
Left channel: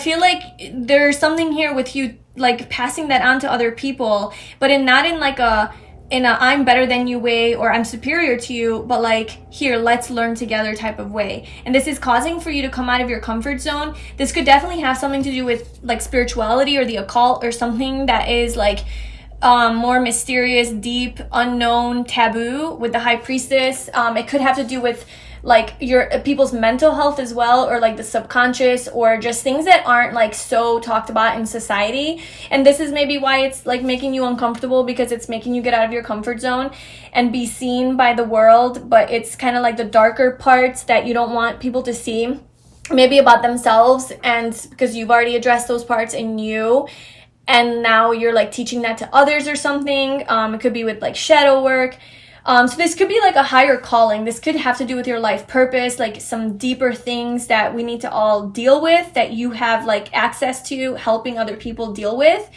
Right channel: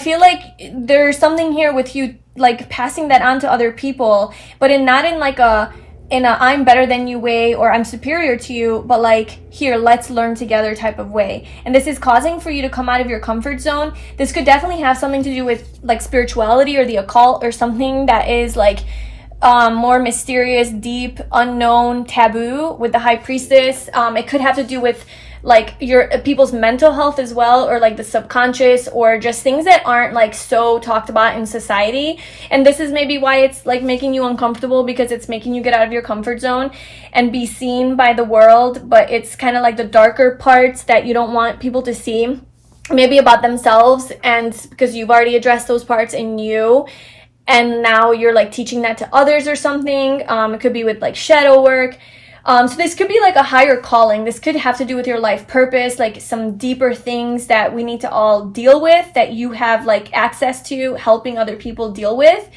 feel like there's something here with you like passing that on to other people, but not in a I'm better than you way, or I'm superior to you, but like, here, let's learn together type of way. And this is causing for you to come out of your comfort zone. This could definitely have something to do with like spirituality or the occult, or something that is like more mysterious, deep, unknown, taboo with the High Priestess. It could have to do with like your people's mental health as well, or like the subconscious, or just things that aren't like so talked about in society. And this is maybe why it's like making you uncomfortable, because it's making you get out of your comfort zone and be seen by the world. But it's kind of like the darker parts that you don't want people to see, maybe about themselves, and because you've already addressed those parts in you, and now you're like teaching that to others or something. It could be with like shadow work. So this could be like a higher calling. This could have to do with your life purpose, like some deeper things that we need to all deal with, that you have like access to helping other people deal with.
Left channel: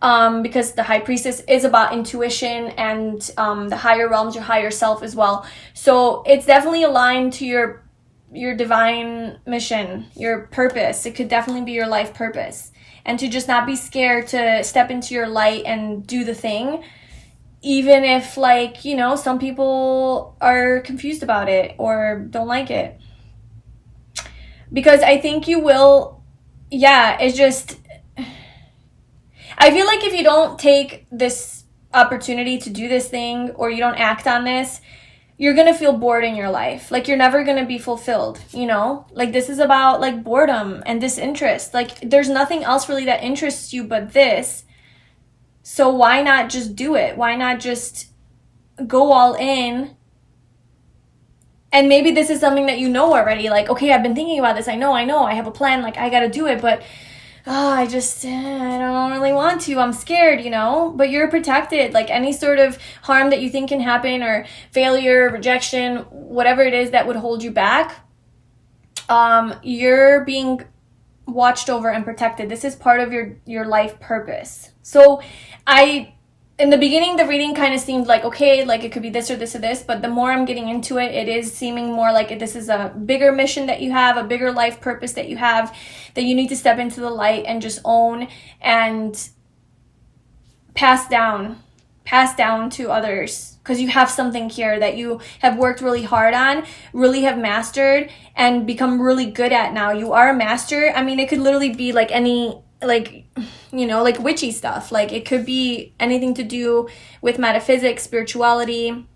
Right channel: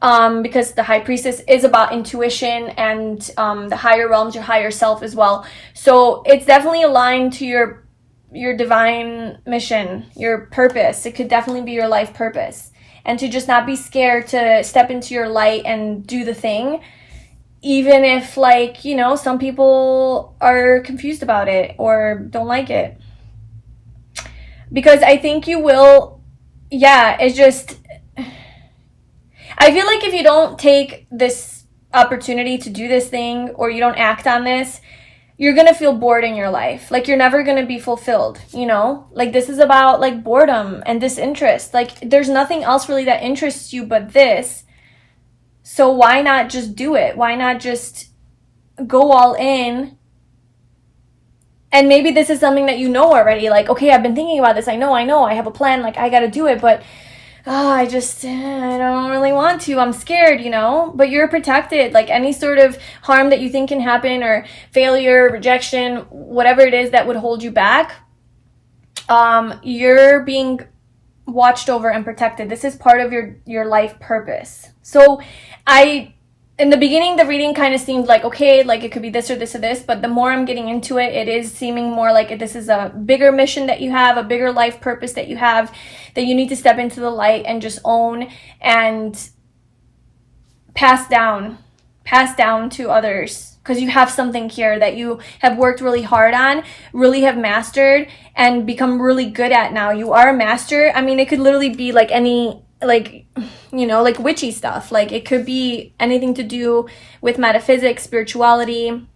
Because the High Priestess is about intuition and the higher realms, your higher self as well. So it's definitely aligned to your divine mission, your purpose. It could definitely be your life purpose. And to just not be scared to step into your light and do the thing. Even if, like, you know, some people are confused about it or don't like it. Because I think you will, it's just, I feel like if you don't take this opportunity to do this thing, or you don't act on this, you're going to feel bored in your life. Like, you're never going to be fulfilled, you know? Like, this is about, like, boredom and disinterest. Like, there's nothing else really that interests you but this. So why not just do it? Why not just go all in And maybe this is something that you know already, like, okay, I've been thinking about this, I know, I have a plan, like, I gotta do it, but I don't really want to, I'm scared, you know, but you're protected. Like, any sort of harm that you think can happen, or failure, rejection, whatever it is that would hold you back, you're being watched over and protected. This is part of your life purpose. So in the beginning, the reading kind of seemed like, okay, like it could be this or this or this, but the more I'm getting into it, it is seeming more like this is a bigger mission that you have, a bigger life purpose that you have, that you need to step into the light and just own and pass down to others, because you have something here that you have worked really hard on, really have mastered, and become really good at now. You are a master. I mean, it could literally be like any, like, you know, like witchy stuff. Like, it could be anything to do with metaphysics, spirituality,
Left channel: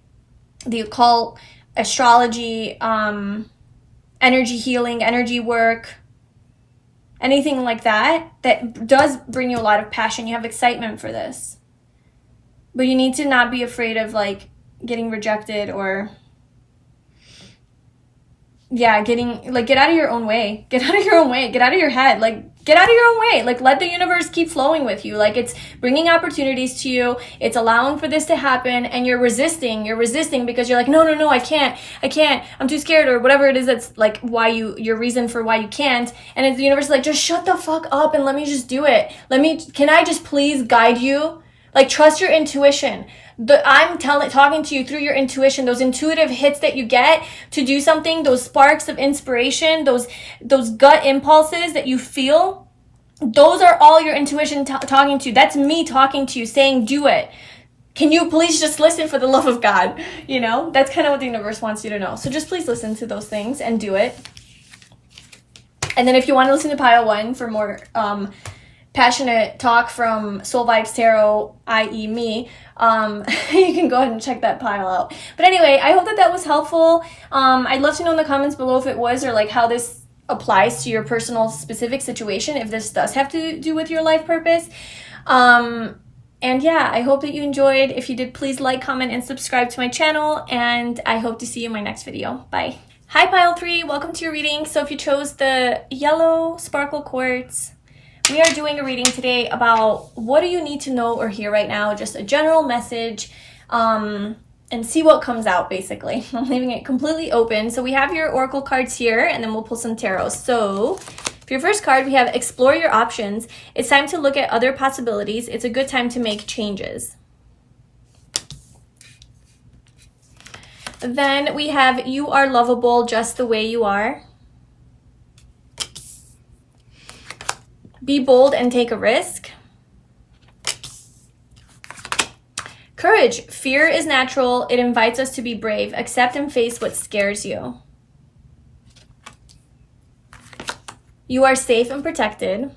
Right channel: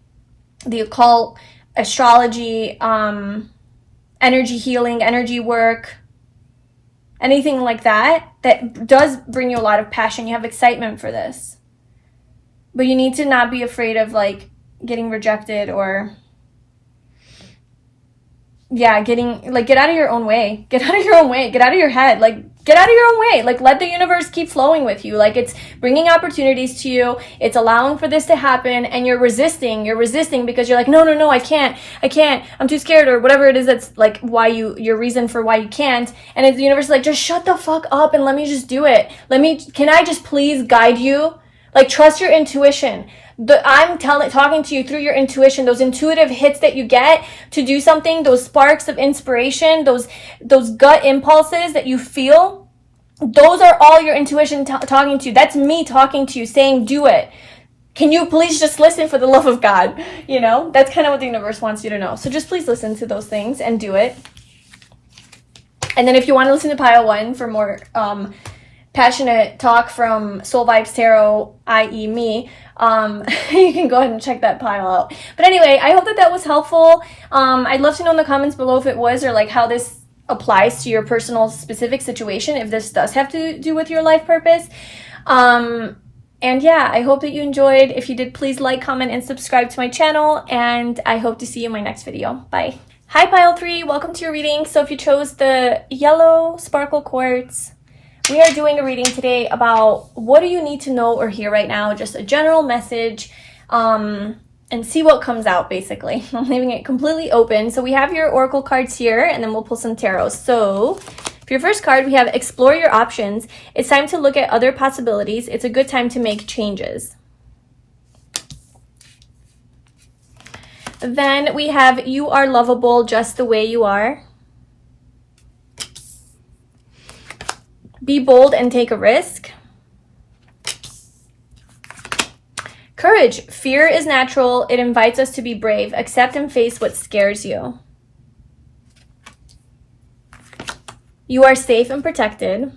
the occult, astrology, energy healing, energy work, anything like that does bring you a lot of passion. You have excitement for this. But you need to not be afraid of, like, getting rejected, or get out of your own way. Get out of your own way. Get out of your head. Like, get out of your own way. Like, let the universe keep flowing with you. Like, it's bringing opportunities to you. It's allowing for this to happen, and you're resisting. You're resisting because you're like, no, I can't. I'm too scared, or whatever it is that's, like, why your reason for why you can't. And the universe is like, just shut the fuck up and let me just do it. Can I just please guide you? Like, trust your intuition. I'm talking to you through your intuition, those intuitive hits that you get to do something, those sparks of inspiration, those gut impulses that you feel. Those are all your intuition talking to you. That's me talking to you, saying, do it. Can you please just listen, for the love of God? You know, that's kind of what the universe wants you to know. So just please listen to those things and do it. And then if you want to listen to pile 1 for more passionate talk from Soul Vibes Tarot, i.e. me, you can go ahead and check that pile out. But anyway, I hope that was helpful. I'd love to know in the comments below if it was, or like how this applies to your personal specific situation, if this does have to do with your life purpose. And yeah, I hope that you enjoyed. If you did, please like, comment, and subscribe to my channel, and I hope to see you in my next video. Bye. Hi pile 3, welcome to your reading. So if you chose the yellow sparkle quartz, we are doing a reading today about what do you need to know or hear right now, just a general message, and see what comes out, basically. I'm leaving it completely open. So we have your oracle cards here, and then we'll pull some tarot. So for your first card, we have explore your options. It's time to look at other possibilities. It's a good time to make changes. Then we have you are lovable just the way you are. Be bold and take a risk. Courage. Fear is natural. It invites us to be brave. Accept and face what scares you. You are safe and protected.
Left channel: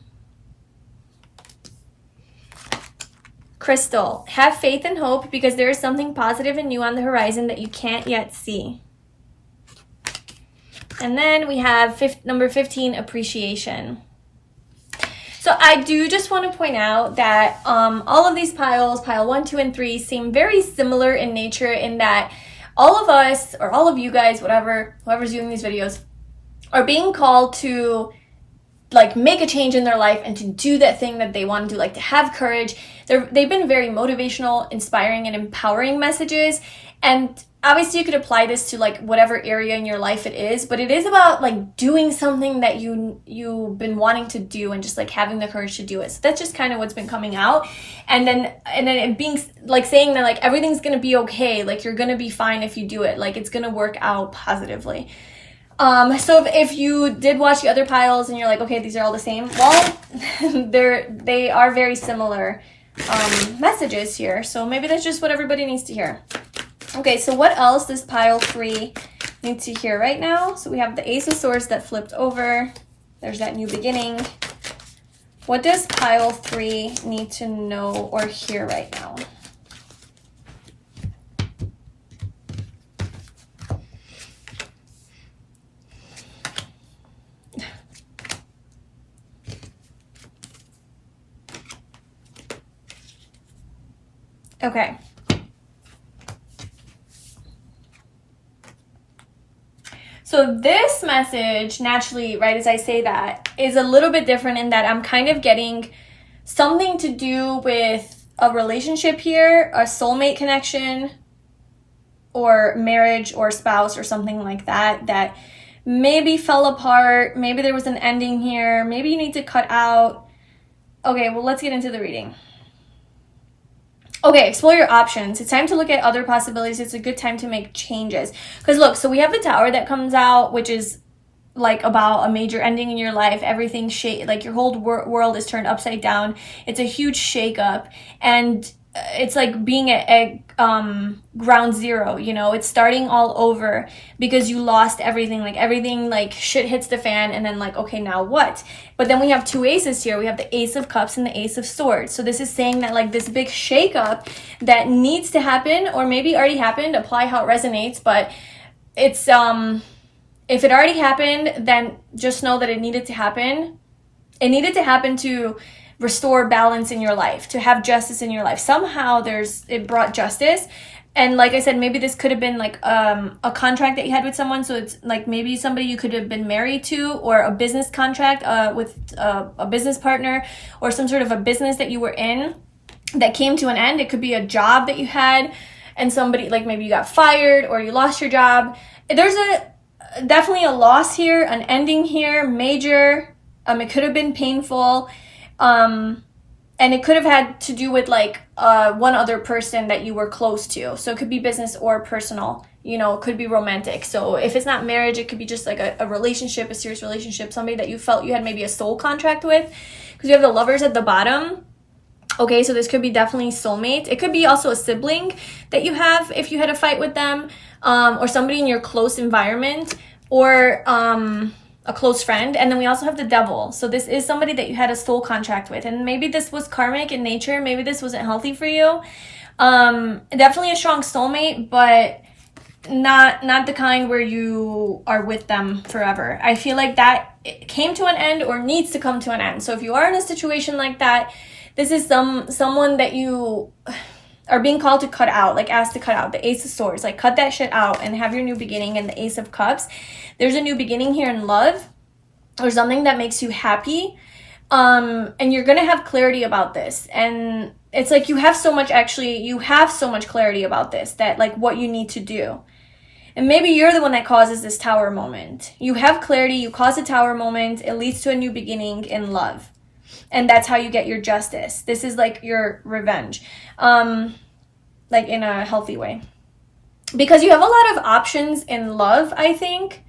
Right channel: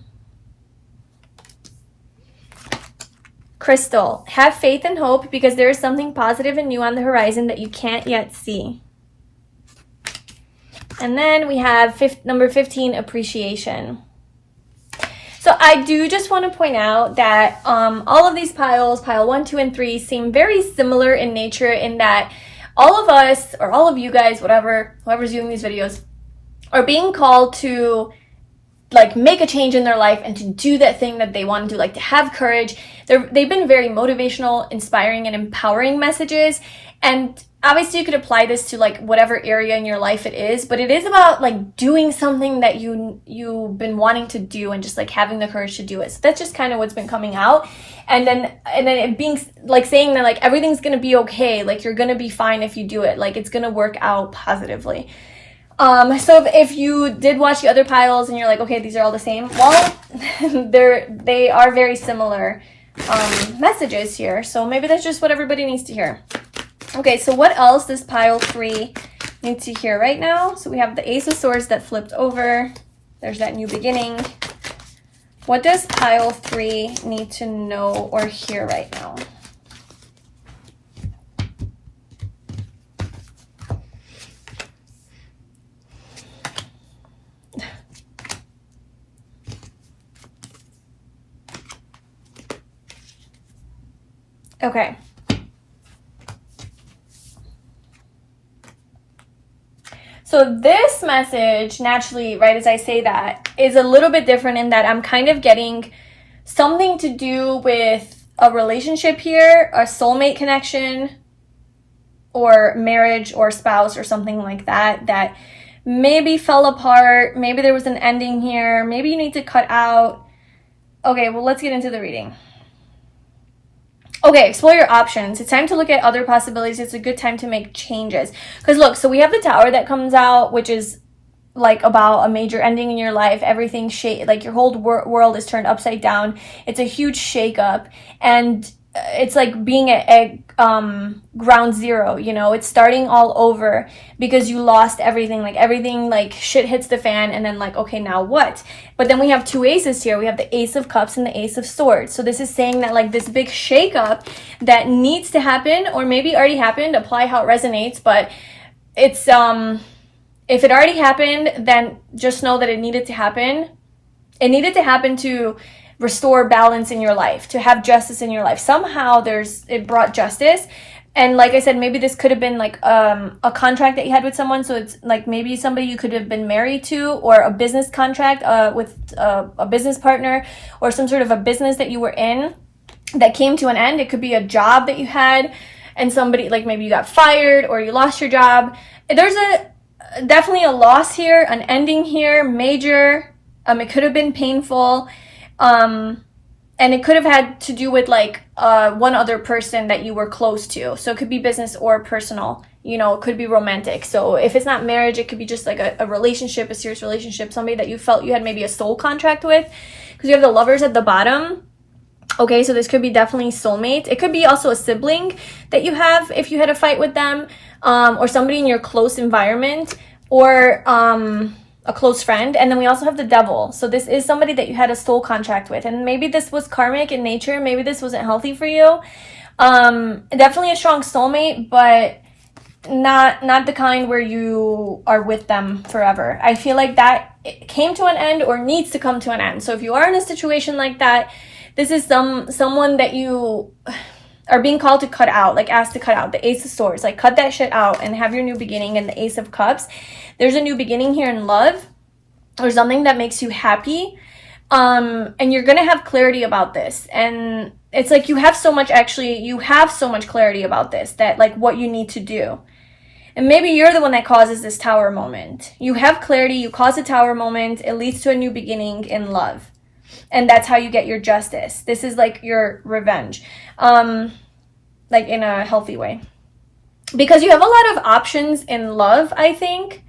Crystal. Have faith and hope, because there is something positive and new on the horizon that you can't yet see. And then we have number 15, appreciation. So I do just want to point out that all of these piles, pile 1, 2, and 3, seem very similar in nature, in that all of us, or all of you guys, whoever's viewing these videos, are being called to, like, make a change in their life and to do that thing that they want to do, like to have courage. They've been very motivational, inspiring, and empowering messages. And obviously you could apply this to, like, whatever area in your life it is, but it is about, like, doing something that you've been wanting to do, and just, like, having the courage to do it. So that's just kind of what's been coming out. And then it being, like, saying that, like, everything's gonna be okay, like, you're gonna be fine if you do it, like, it's gonna work out positively. So if you did watch the other piles and you're like, okay, these are all the same, well, they are very similar messages here. So maybe that's just what everybody needs to hear. Okay, so what else does pile 3 need to hear right now? So we have the Ace of Swords that flipped over. There's that new beginning. What does pile 3 need to know or hear right now? Okay. So this message, naturally, right, as I say that, is a little bit different in that I'm kind of getting something to do with a relationship here, a soulmate connection, or marriage or spouse or something like that, that maybe fell apart. Maybe there was an ending here. Maybe you need to cut out. Okay, well, let's get into the reading. Okay, explore your options. It's time to look at other possibilities. It's a good time to make changes. Because look, so we have the Tower that comes out, which is like about a major ending in your life. Everything like your whole world is turned upside down. It's a huge shakeup, and it's like being at ground zero, you know. It's starting all over because you lost everything. Like everything, like shit hits the fan, and then like, okay, now what? But then we have two aces here. We have the Ace of Cups and the Ace of Swords. So this is saying that like this big shakeup that needs to happen, or maybe already happened. Apply how it resonates, but it's if it already happened, then just know that it needed to happen. It needed to happen to restore balance in your life, to have justice in your life. Somehow it brought justice. And like I said, maybe this could have been like a contract that you had with someone. So it's like maybe somebody you could have been married to, or a business contract with a business partner, or some sort of a business that you were in that came to an end. It could be a job that you had and somebody, like maybe you got fired or you lost your job. There's definitely a loss here, an ending here, major. It could have been painful. And it could have had to do with like one other person that you were close to. So it could be business or personal, you know, it could be romantic. So if it's not marriage, it could be just like a relationship, a serious relationship, somebody that you felt you had maybe a soul contract with, because you have the Lovers at the bottom. Okay, so this could be definitely soulmate. It could be also a sibling that you have if you had a fight with them, or somebody in your close environment, or a close friend. And then we also have the Devil. So this is somebody that you had a soul contract with, and maybe this was karmic in nature. Maybe this wasn't healthy for you. Definitely a strong soulmate, but not the kind where you are with them forever. I feel like that came to an end or needs to come to an end. So if you are in a situation like that, this is someone that you are being called to cut out, like asked to cut out. The Ace of Swords, like cut that shit out and have your new beginning. And the Ace of Cups, there's a new beginning here in love, or something that makes you happy. And you're gonna have clarity about this. And it's like you have so much clarity about this, that like what you need to do. And maybe you're the one that causes this Tower moment. You have clarity, you cause a Tower moment, it leads to a new beginning in love. And that's how you get your justice. This is like your revenge, like in a healthy way. Because you have a lot of options in love, I think.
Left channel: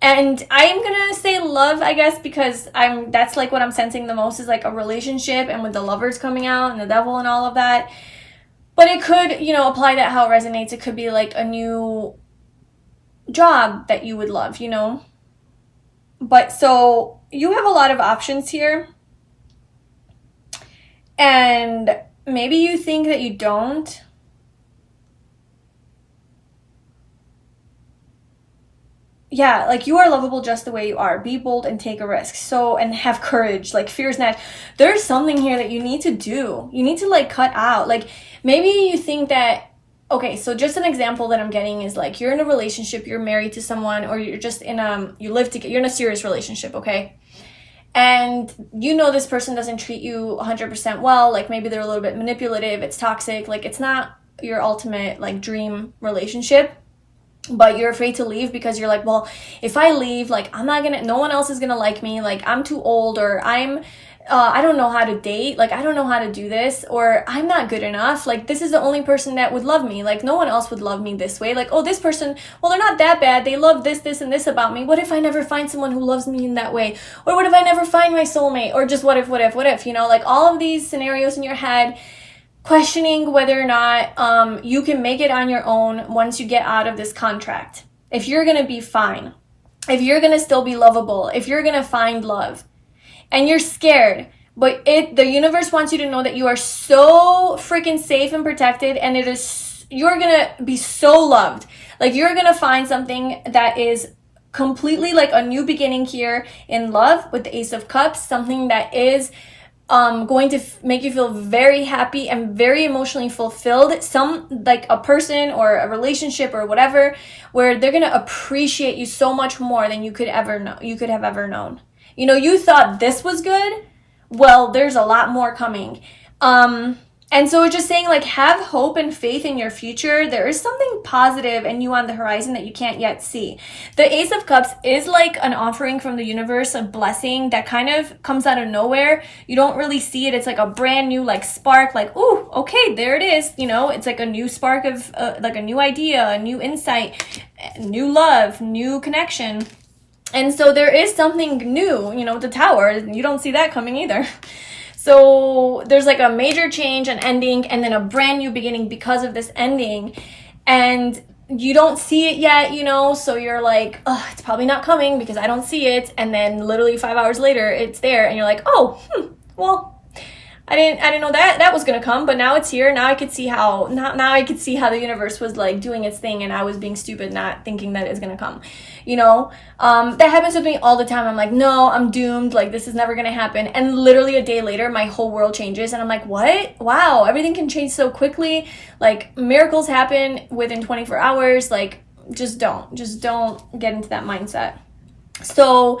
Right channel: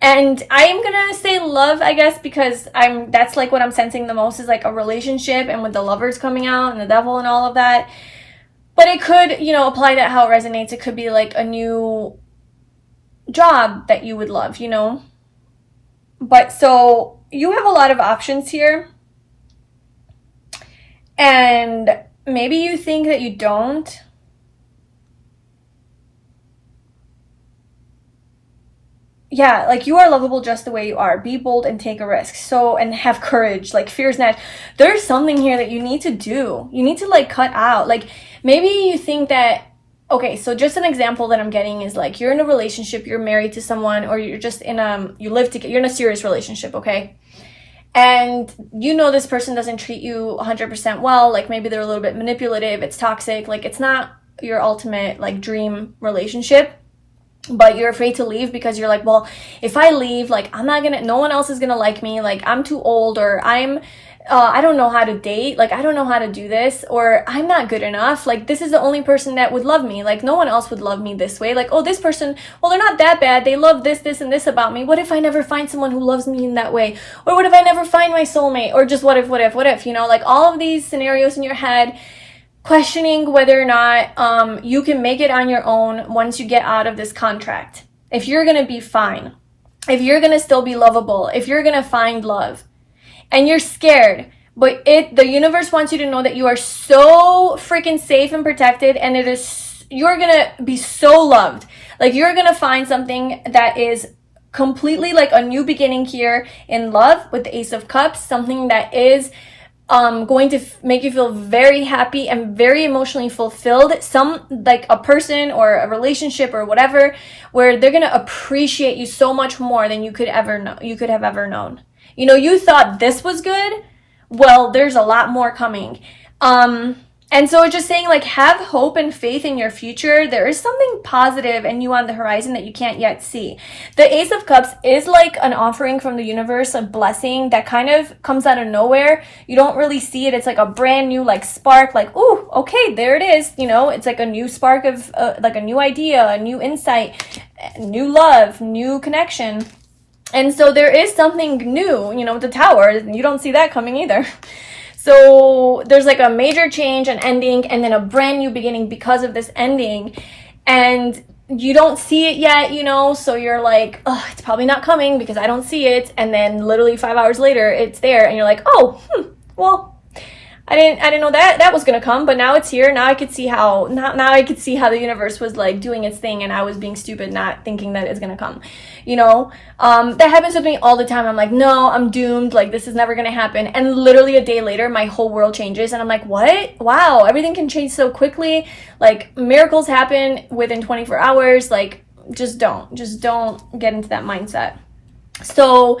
And I'm gonna say love, I guess, because that's like what I'm sensing the most, is like a relationship, and with the Lovers coming out and the Devil and all of that. But it could, you know, apply that how it resonates. It could be like a new job that you would love, you know. But so you have a lot of options here. And maybe you think that you don't. Yeah, like you are lovable just the way you are. Be bold and take a risk. So, and have courage. Like fear is not. There's something here that you need to do. You need to like cut out. Like maybe you think that, okay, so just an example that I'm getting is like you're in a relationship, you're married to someone, or you're just you live together, you're in a serious relationship, okay? And you know this person doesn't treat you 100% well. Like maybe they're a little bit manipulative, it's toxic, like it's not your ultimate like dream relationship. But you're afraid to leave because you're like, well, if I leave, like no one else is gonna like me, like I'm too old, or I don't know how to date, like I don't know how to do this, or I'm not good enough, like this is the only person that would love me, like no one else would love me this way, like, oh, this person, well, they're not that bad, they love this and this about me, what if I never find someone who loves me in that way, or what if I never find my soulmate, or just what if, you know, like all of these scenarios in your head, questioning whether or not you can make it on your own once you get out of this contract, if you're gonna be fine, if you're gonna still be lovable, if you're gonna find love. And you're scared, but the universe wants you to know that you are so freaking safe and protected, and you're gonna be so loved. Like you're gonna find something that is completely like a new beginning here in love with the Ace of Cups, something that is going to make you feel very happy and very emotionally fulfilled. Some, like a person or a relationship or whatever, where they're going to appreciate you so much more than you could have ever known. You know, you thought this was good. Well, there's a lot more coming. And so it's just saying, like, have hope and faith in your future. There is something positive and new on the horizon that you can't yet see. The Ace of Cups is like an offering from the universe, a blessing that kind of comes out of nowhere. You don't really see it. It's like a brand new, like, spark, like, ooh, okay, there it is. You know, it's like a new spark of, like a new idea, a new insight, new love, new connection. And so there is something new, you know, the Tower. You don't see that coming either. So there's like a major change, an ending, and then a brand new beginning because of this ending. And you don't see it yet, you know, so you're like, oh, it's probably not coming because I don't see it. And then literally 5 hours later, it's there. And you're like, oh, well, I didn't know that was going to come, but now it's here. Now I could see how, now I could see how the universe was like doing its thing, and I was being stupid, not thinking that it's going to come, you know? That happens with me all the time. I'm like, no, I'm doomed. Like, this is never going to happen. And literally a day later, my whole world changes. And I'm like, what? Wow, everything can change so quickly. Like, miracles happen within 24 hours. Like, just don't get into that mindset. So,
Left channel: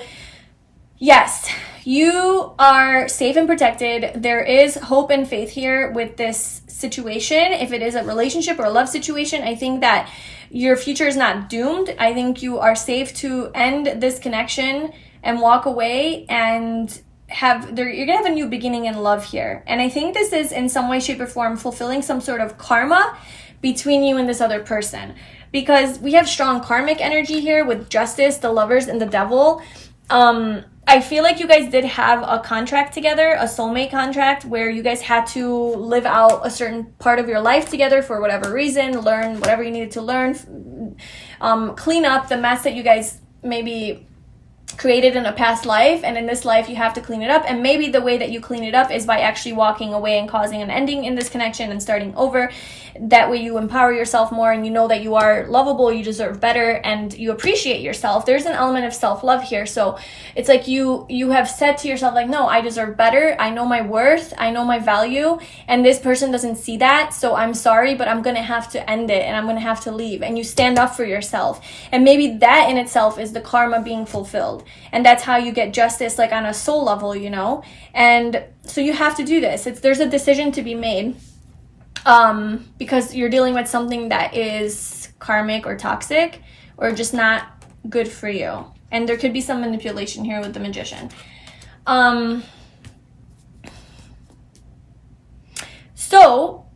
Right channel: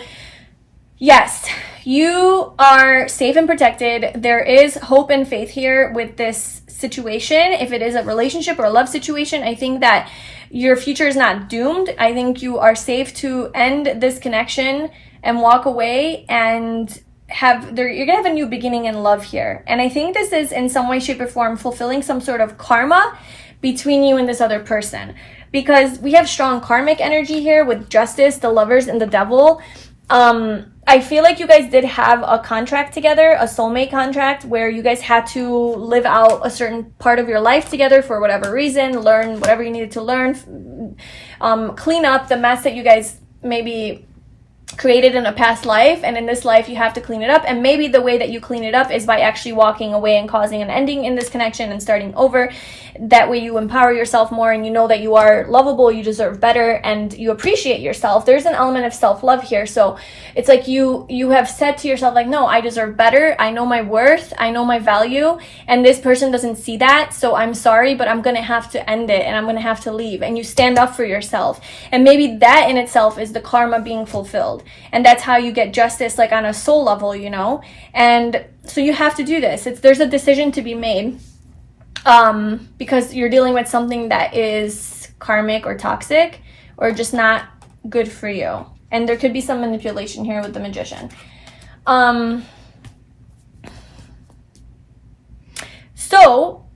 yes, you are safe and protected. There is hope and faith here with this situation. If it is a relationship or a love situation, I think that your future is not doomed. I think you are safe to end this connection and walk away, and you're gonna have a new beginning in love here. And I think this is in some way, shape, or form fulfilling some sort of karma between you and this other person, because we have strong karmic energy here with Justice, the Lovers, and the Devil. I feel like you guys did have a contract together, a soulmate contract, where you guys had to live out a certain part of your life together for whatever reason, learn whatever you needed to learn, clean up the mess that you guys maybe created in a past life, and in this life you have to clean it up. And maybe the way that you clean it up is by actually walking away and causing an ending in this connection and starting over. That way you empower yourself more, and you know that you are lovable, you deserve better, and you appreciate yourself. There's an element of self-love here. So it's like you have said to yourself, like, no, I deserve better, I know my worth, I know my value, and this person doesn't see that, so I'm sorry, but I'm gonna have to end it, and I'm gonna have to leave. And you stand up for yourself, and maybe that in itself is the karma being fulfilled. And that's how you get justice, like on a soul level, you know. And so you have to do this. There's a decision to be made, because you're dealing with something that is karmic or toxic or just not good for you. And there could be some manipulation here with the Magician. So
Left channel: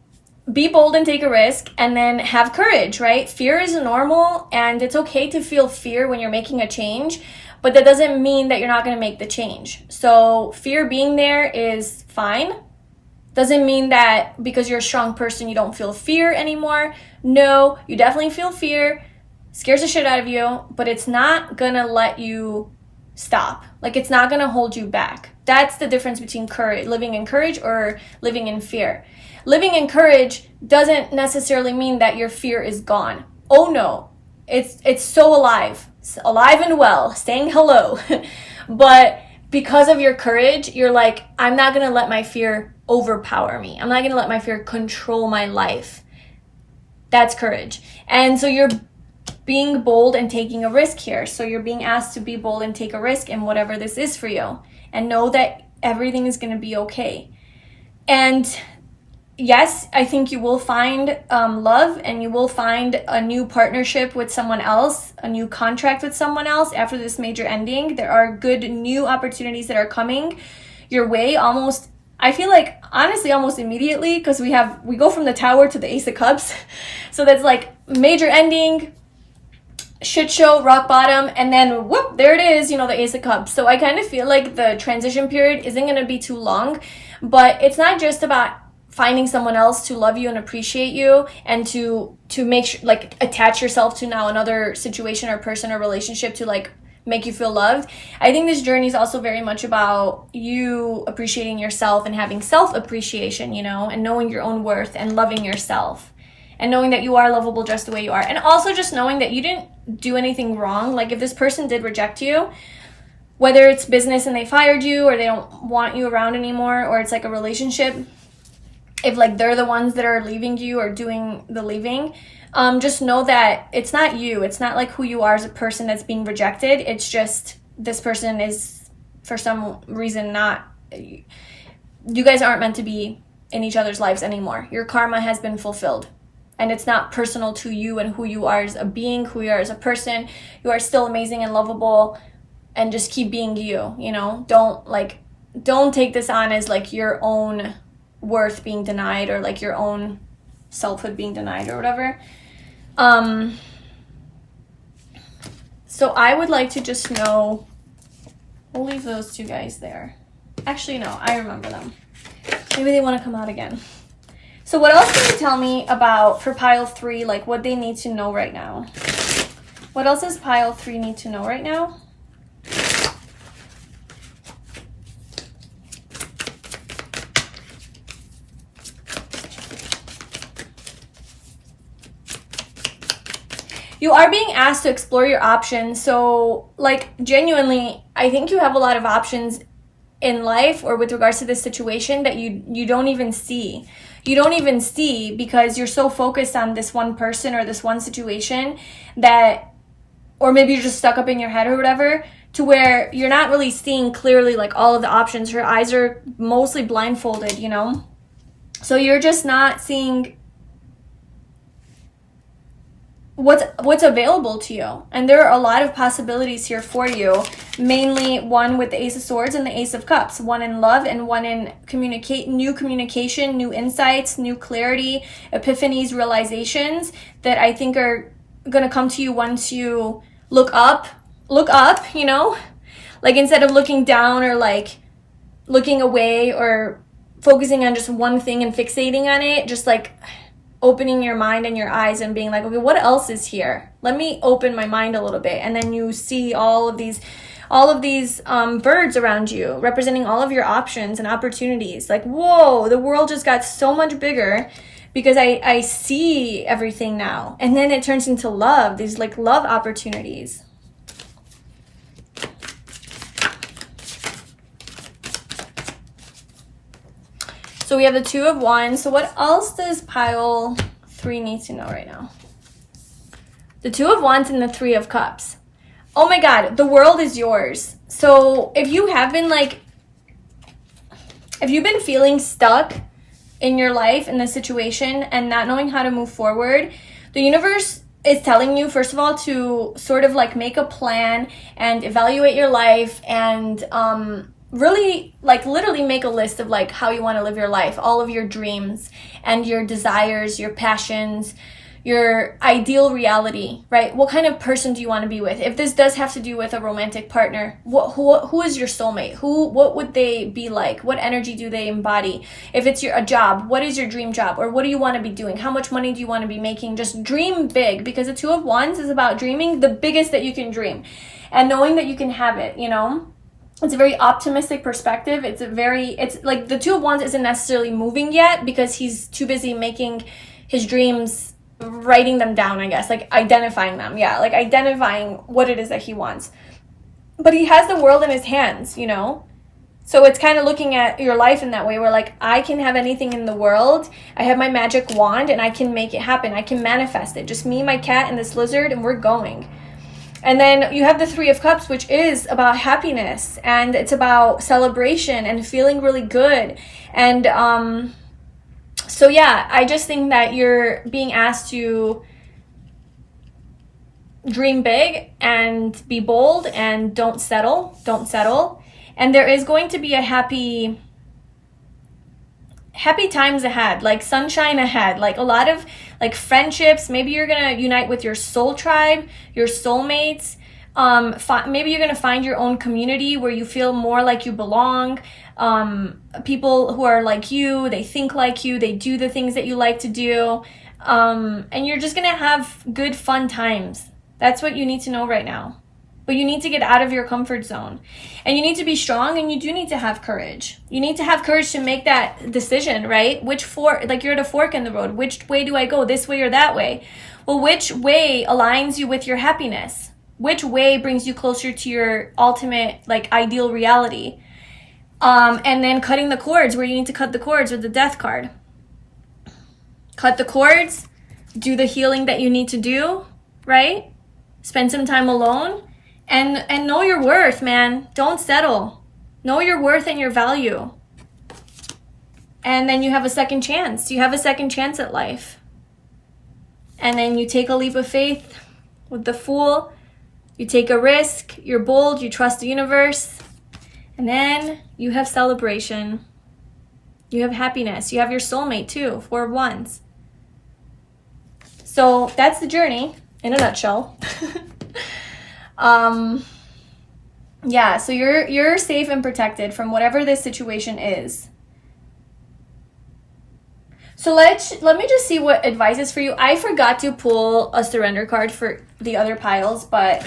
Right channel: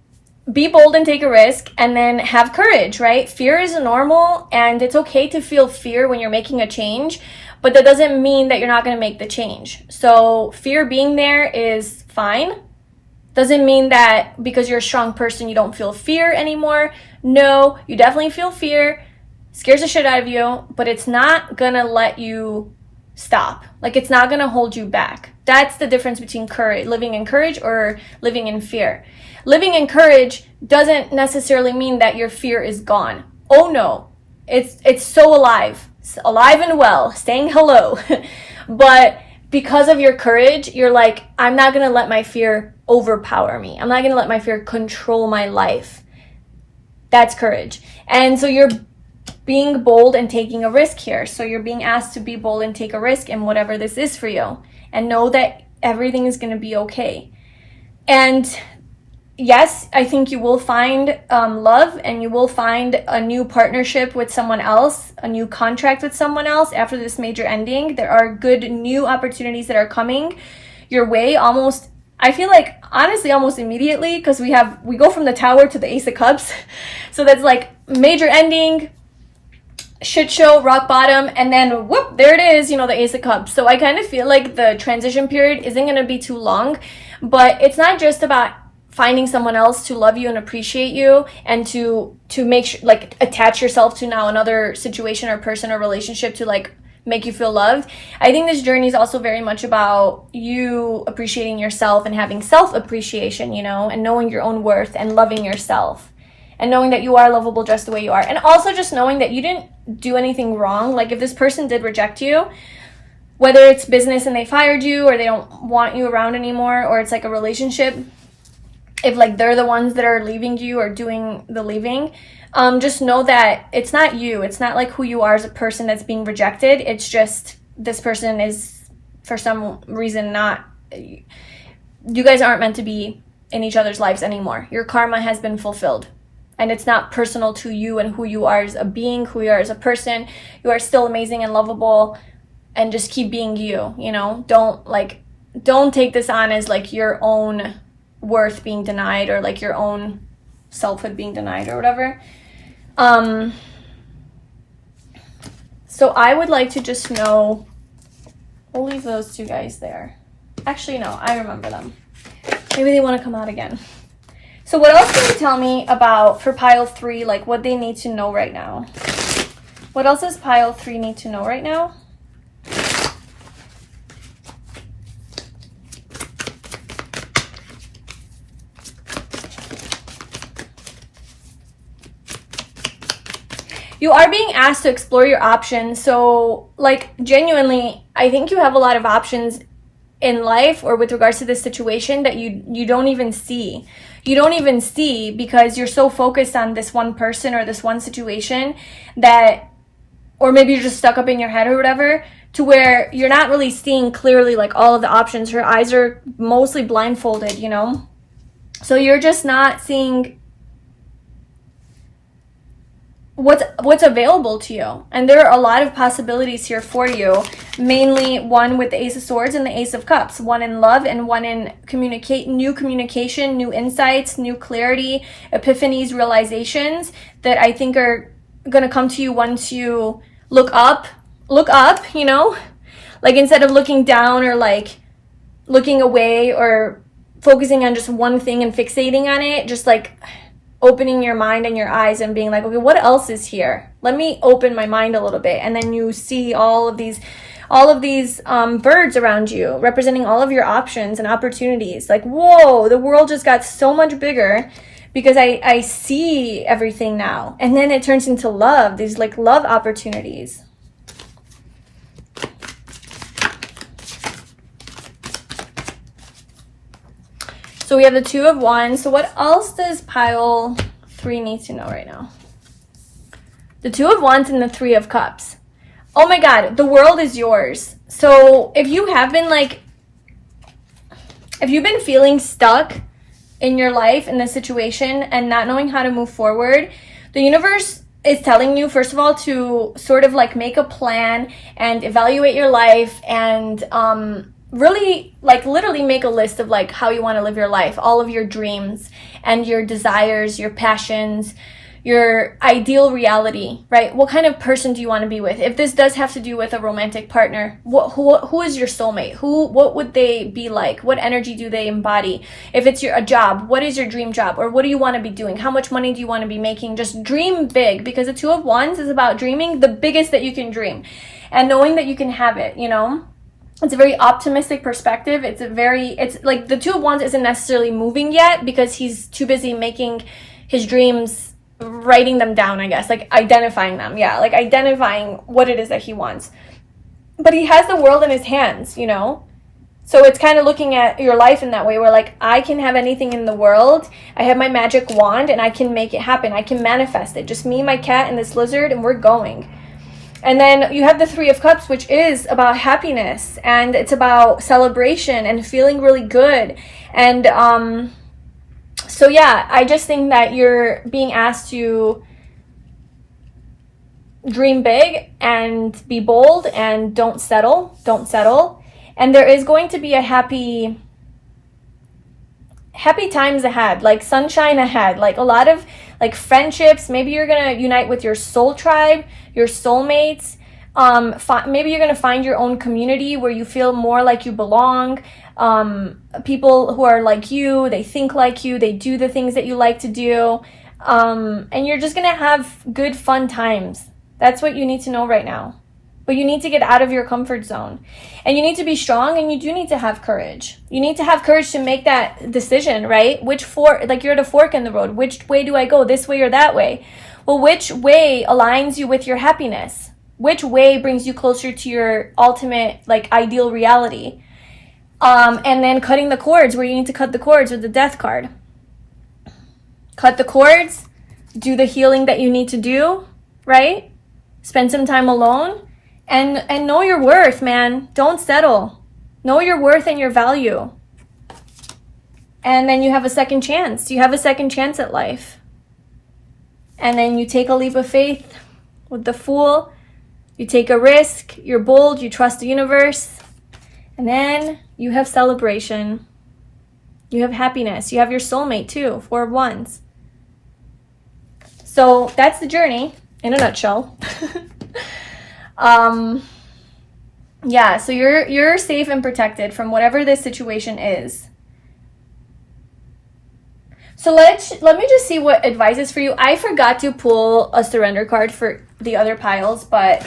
be bold and take a risk, and then have courage, right? Fear is normal, and it's okay to feel fear when you're making a change, but that doesn't mean that you're not going to make the change. So fear being there is fine. Doesn't mean that because you're a strong person, you don't feel fear anymore. No, you definitely feel fear. Scares the shit out of you, but it's not going to let you stop. Like, it's not going to hold you back. That's the difference between living in courage or living in fear. Living in courage doesn't necessarily mean that your fear is gone. Oh no, it's so alive and well, saying hello. But because of your courage, you're like, I'm not going to let my fear overpower me. I'm not going to let my fear control my life. That's courage. And so you're being bold and taking a risk here. So you're being asked to be bold and take a risk in whatever this is for you, and know that everything is going to be okay. And yes, I think you will find love, and you will find a new partnership with someone else, a new contract with someone else after this major ending. There are good new opportunities that are coming your way, almost, I feel like, honestly, almost immediately, because we go from the Tower to the Ace of Cups. So that's like major ending, shit show, rock bottom, and then whoop, there it is, the Ace of Cups. So I kind of feel like the transition period isn't going to be too long, but it's not just about finding someone else to love you and appreciate you, and to make sure, like, attach yourself to now another situation or person or relationship to, like, make you feel loved. I think this journey is also very much about you appreciating yourself and having self-appreciation, and knowing your own worth and loving yourself, and knowing that you are lovable just the way you are. And also just knowing that you didn't do anything wrong. Like, if this person did reject you, whether it's business and they fired you, or they don't want you around anymore, or it's like a relationship, if like they're the ones that are leaving you or doing the leaving, just know that it's not you. It's not like who you are as a person that's being rejected. It's just this person is for some reason not, you guys aren't meant to be in each other's lives anymore. Your karma has been fulfilled, and it's not personal to you and who you are as a being, who you are as a person. You are still amazing and lovable, and just keep being you, you know? Don't take this on as like your own worth being denied, or like your own selfhood being denied or whatever. So I would like to just know, we'll leave those two guys there. Actually, no, I remember them. Maybe they want to come out again. So what else can you tell me about, for pile 3, like what they need to know right now? What else does pile 3 need to know right now? You are being asked to explore your options. So, like, genuinely, I think you have a lot of options in life or with regards to this situation that you don't even see. You don't even see because you're so focused on this one person or this one situation that, or maybe you're just stuck up in your head or whatever, to where you're not really seeing clearly like all of the options. Your eyes are mostly blindfolded, you know? So you're just not seeing what's available to you. And there are a lot of possibilities here for you, mainly one with the Ace of Swords and the Ace of Cups, one in love and one in new communication, new insights, new clarity, epiphanies, realizations that I think are going to come to you once you look up, you know, like instead of looking down or like looking away or focusing on just one thing and fixating on it, just like opening your mind and your eyes and being like, okay, what else is here? Let me open my mind a little bit. And then you see all of these birds around you representing all of your options and opportunities. Like, whoa, the world just got so much bigger because I see everything now. And then it turns into love, these like love opportunities. So we have the Two of Wands. So what else does pile 3 need to know right now? The Two of Wands and the Three of Cups. Oh my God, the world is yours. So if you have been like, if you've been feeling stuck in your life, in this situation, and not knowing how to move forward, the universe is telling you, first of all, to sort of like make a plan and evaluate your life and really like literally make a list of like how you want to live your life, all of your dreams and your desires, your passions, your ideal reality, right? What kind of person do you want to be with? If this does have to do with a romantic partner, who is your soulmate? What would they be like? What energy do they embody? If it's a job, what is your dream job? Or what do you want to be doing? How much money do you want to be making? Just dream big, because the Two of Wands is about dreaming the biggest that you can dream and knowing that you can have it, you know? It's a very optimistic perspective. It's like the Two of Wands isn't necessarily moving yet because he's too busy making his dreams, writing them down, I guess, like identifying them. Yeah, like identifying what it is that he wants. But he has the world in his hands, you know? So it's kind of looking at your life in that way where like, I can have anything in the world. I have my magic wand and I can make it happen. I can manifest it. Just me, my cat, and this lizard, and we're going. And then you have the Three of Cups, which is about happiness, and it's about celebration and feeling really good. And so yeah, I just think that you're being asked to dream big and be bold and don't settle. And there is going to be a happy times ahead, like sunshine ahead, like a lot of like friendships. Maybe you're gonna unite with your soul tribe, your soulmates. Maybe you're gonna find your own community where you feel more like you belong. People who are like you, they think like you, they do the things that you like to do, and you're just gonna have good fun times. That's what you need to know right now. But you need to get out of your comfort zone, and you need to be strong, and you do need to have courage. You need to have courage to make that decision, right? Like you're at a fork in the road. Which way do I go? This way or that way? Well, which way aligns you with your happiness? Which way brings you closer to your ultimate, like, ideal reality? And then cutting the cords where you need to cut the cords with the death card. Cut the cords, do the healing that you need to do, right? Spend some time alone and know your worth, man. Don't settle. Know your worth and your value. And then you have a second chance. You have a second chance at life. And then you take a leap of faith with the Fool. You take a risk. You're bold. You trust the universe. And then you have celebration. You have happiness. You have your soulmate too, 4 of Wands. So that's the journey in a nutshell. Yeah, so you're safe and protected from whatever this situation is. So let me just see what advice is for you. I forgot to pull a surrender card for the other piles, but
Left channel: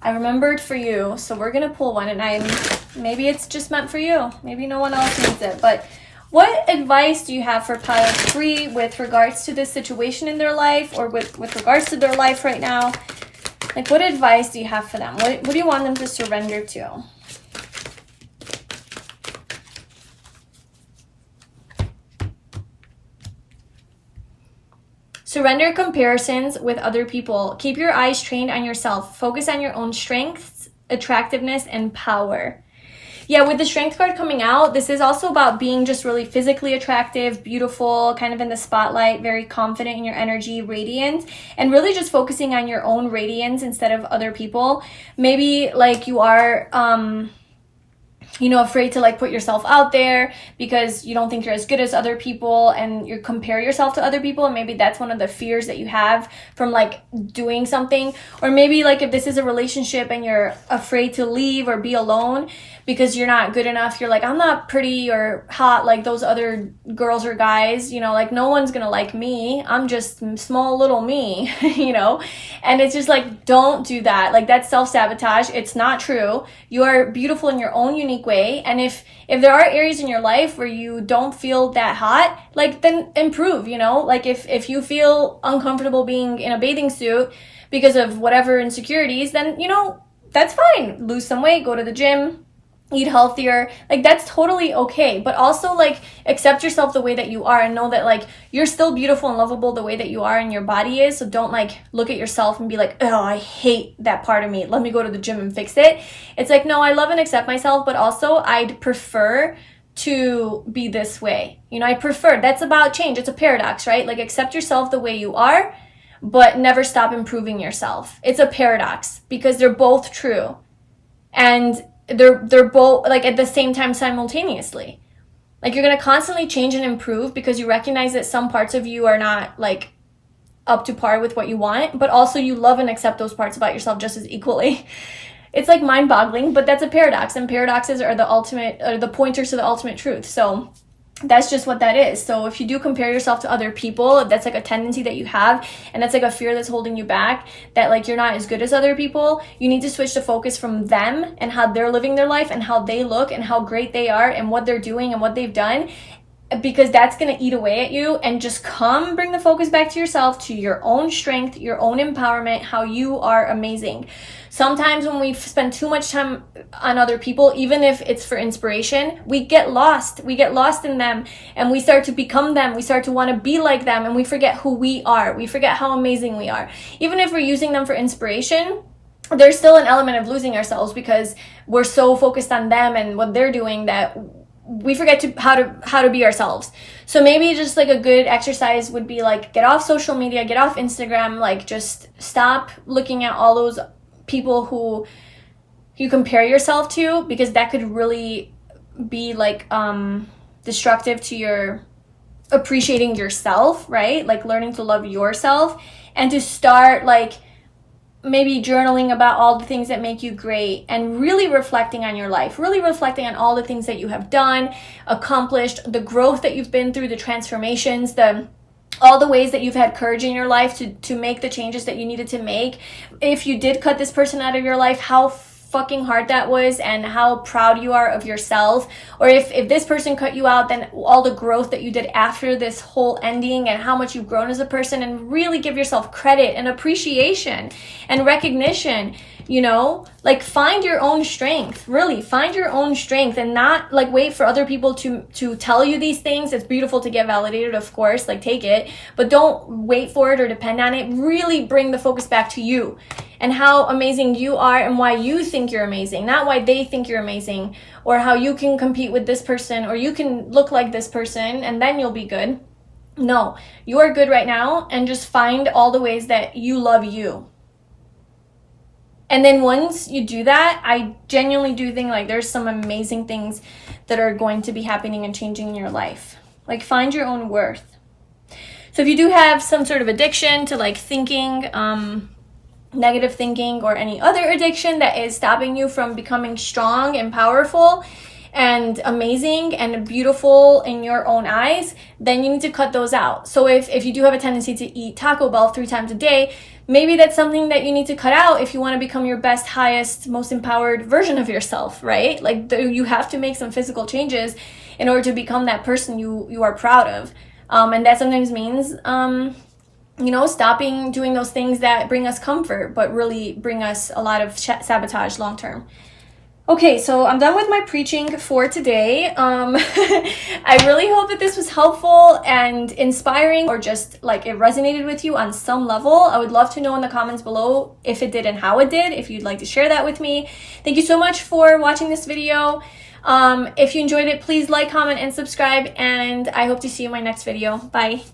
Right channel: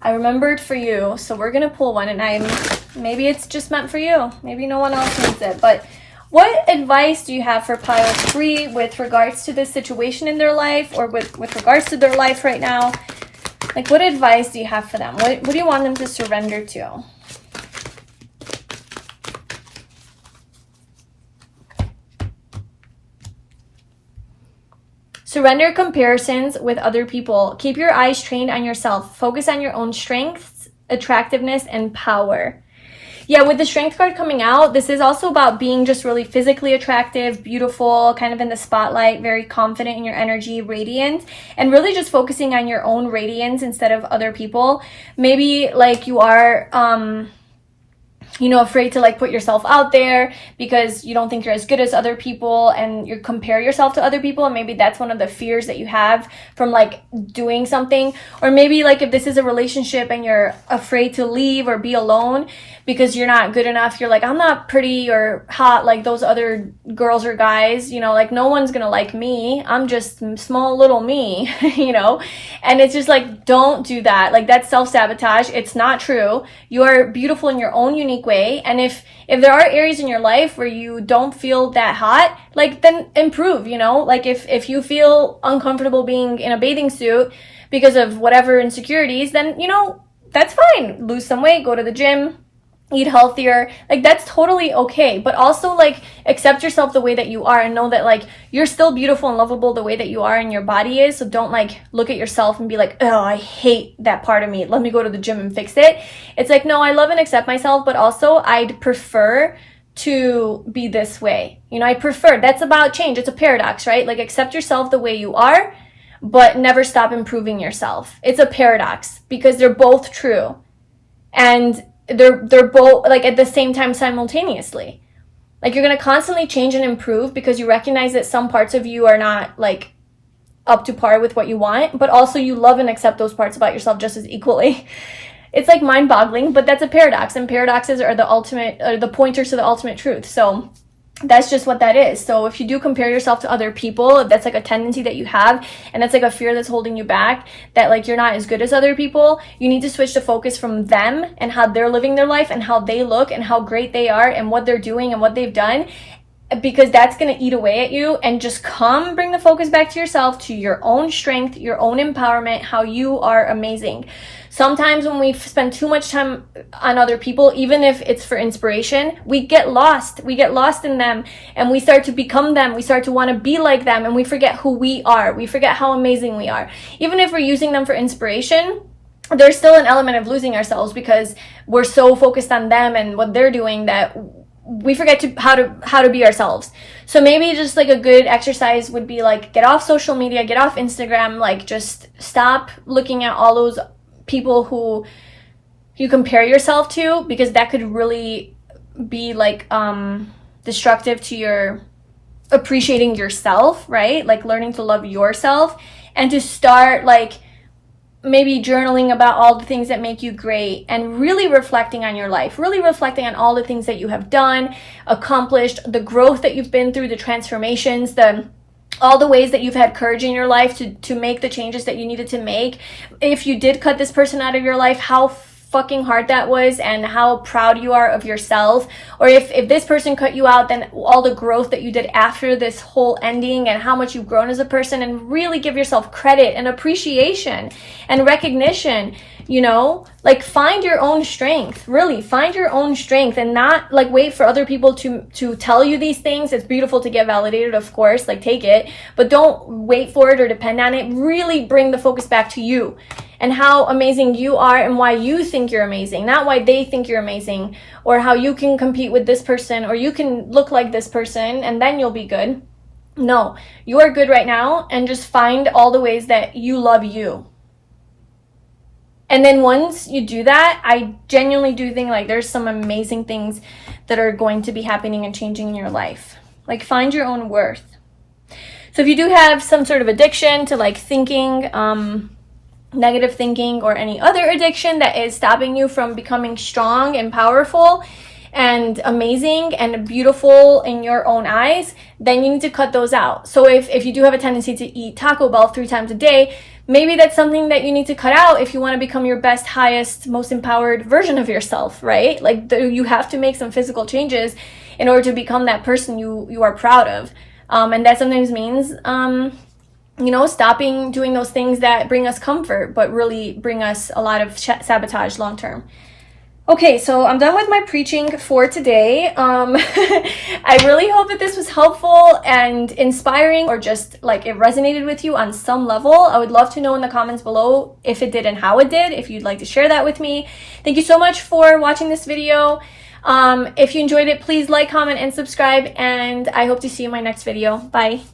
I remembered for you, so we're gonna pull one, and maybe it's just meant for you. Maybe no one else needs it. But what advice do you have for pile 3 with regards to this situation in their life, or with regards to their life right now? Like, what advice do you have for them? What do you want them to surrender to? Surrender comparisons with other people. Keep your eyes trained on yourself. Focus on your own strengths, attractiveness, and power. Yeah, with the strength card coming out, this is also about being just really physically attractive, beautiful, kind of in the spotlight, very confident in your energy, radiant, and really just focusing on your own radiance instead of other people. Maybe like you are, afraid to like put yourself out there because you don't think you're as good as other people, and you compare yourself to other people, and maybe that's one of the fears that you have from like doing something. Or maybe like if this is a relationship and you're afraid to leave or be alone because you're not good enough, you're like, I'm not pretty or hot like those other girls or guys, like no one's gonna like me, I'm just small little me. And it's just like, don't do that. Like, that's self-sabotage. It's not true. You're beautiful in your own unique way. And if there are areas in your life where you don't feel that hot, like, then improve. Like if you feel uncomfortable being in a bathing suit because of whatever insecurities, then that's fine. Lose some weight, go to the gym, eat healthier. Like, that's totally okay. But also, like, accept yourself the way that you are, and know that like you're still beautiful and lovable the way that you are and your body is. So don't like look at yourself and be like, oh, I hate that part of me, let me go to the gym and fix it. It's like, no, I love and accept myself, but also I'd prefer to be this way. I prefer. That's about change. It's a paradox, right? Like, accept yourself the way you are, but never stop improving yourself. It's a paradox because they're both true, and they're both like at the same time simultaneously. Like, you're going to constantly change and improve because you recognize that some parts of you are not like up to par with what you want, but also you love and accept those parts about yourself just as equally. It's like mind-boggling, but that's a paradox, and paradoxes are the pointers to the ultimate truth. So that's just what that is. So if you do compare yourself to other people, that's like a tendency that you have, and that's like a fear that's holding you back, that like you're not as good as other people, you need to switch the focus from them and how they're living their life and how they look and how great they are and what they're doing and what they've done, because that's going to eat away at you, and just bring the focus back to yourself, to your own strength, your own empowerment, how you are amazing. Sometimes when we spend too much time on other people, even if it's for inspiration, we get lost. We get lost in them, and we start to become them. We start to want to be like them, and we forget who we are. We forget how amazing we are. Even if we're using them for inspiration, there's still an element of losing ourselves because we're so focused on them and what they're doing that we forget how to be ourselves. So maybe just like a good exercise would be like, get off social media, get off Instagram, like just stop looking at all those people who you compare yourself to, because that could really be like destructive to your appreciating yourself, right? Like learning to love yourself, and to start like maybe journaling about all the things that make you great, and really reflecting on your life, really reflecting on all the things that you have done, accomplished, the growth that you've been through, the transformations, all the ways that you've had courage in your life to make the changes that you needed to make. If you did cut this person out of your life, how fucking hard that was and how proud you are of yourself. Or if this person cut you out, then all the growth that you did after this whole ending and how much you've grown as a person, and really give yourself credit and appreciation and recognition. You know, like, find your own strength. Really find your own strength, and not like wait for other people to tell you these things. It's beautiful to get validated, of course, like, take it, but don't wait for it or depend on it. Really bring the focus back to you and how amazing you are and why you think you're amazing, not why they think you're amazing, or how you can compete with this person, or you can look like this person and then you'll be good. No, you are good right now, and just find all the ways that you love you. And then once you do that, I genuinely do think like there's some amazing things that are going to be happening and changing in your life. Like, find your own worth. So if you do have some sort of addiction to like thinking, negative thinking, or any other addiction that is stopping you from becoming strong and powerful and amazing and beautiful in your own eyes, then you need to cut those out. So if you do have a tendency to eat Taco Bell 3 times a day, maybe that's something that you need to cut out if you want to become your best, highest, most empowered version of yourself, right? Like, you have to make some physical changes in order to become that person you are proud of. And that sometimes means, you know, stopping doing those things that bring us comfort, but really bring us a lot of sabotage long term. Okay, so I'm done with my preaching for today. I really hope that this was helpful and inspiring, or just like it resonated with you on some level. I would love to know in the comments below if it did and how it did, if you'd like to share that with me. Thank you so much for watching this video. If you enjoyed it, please like, comment, and subscribe, and I hope to see you in my next video. Bye.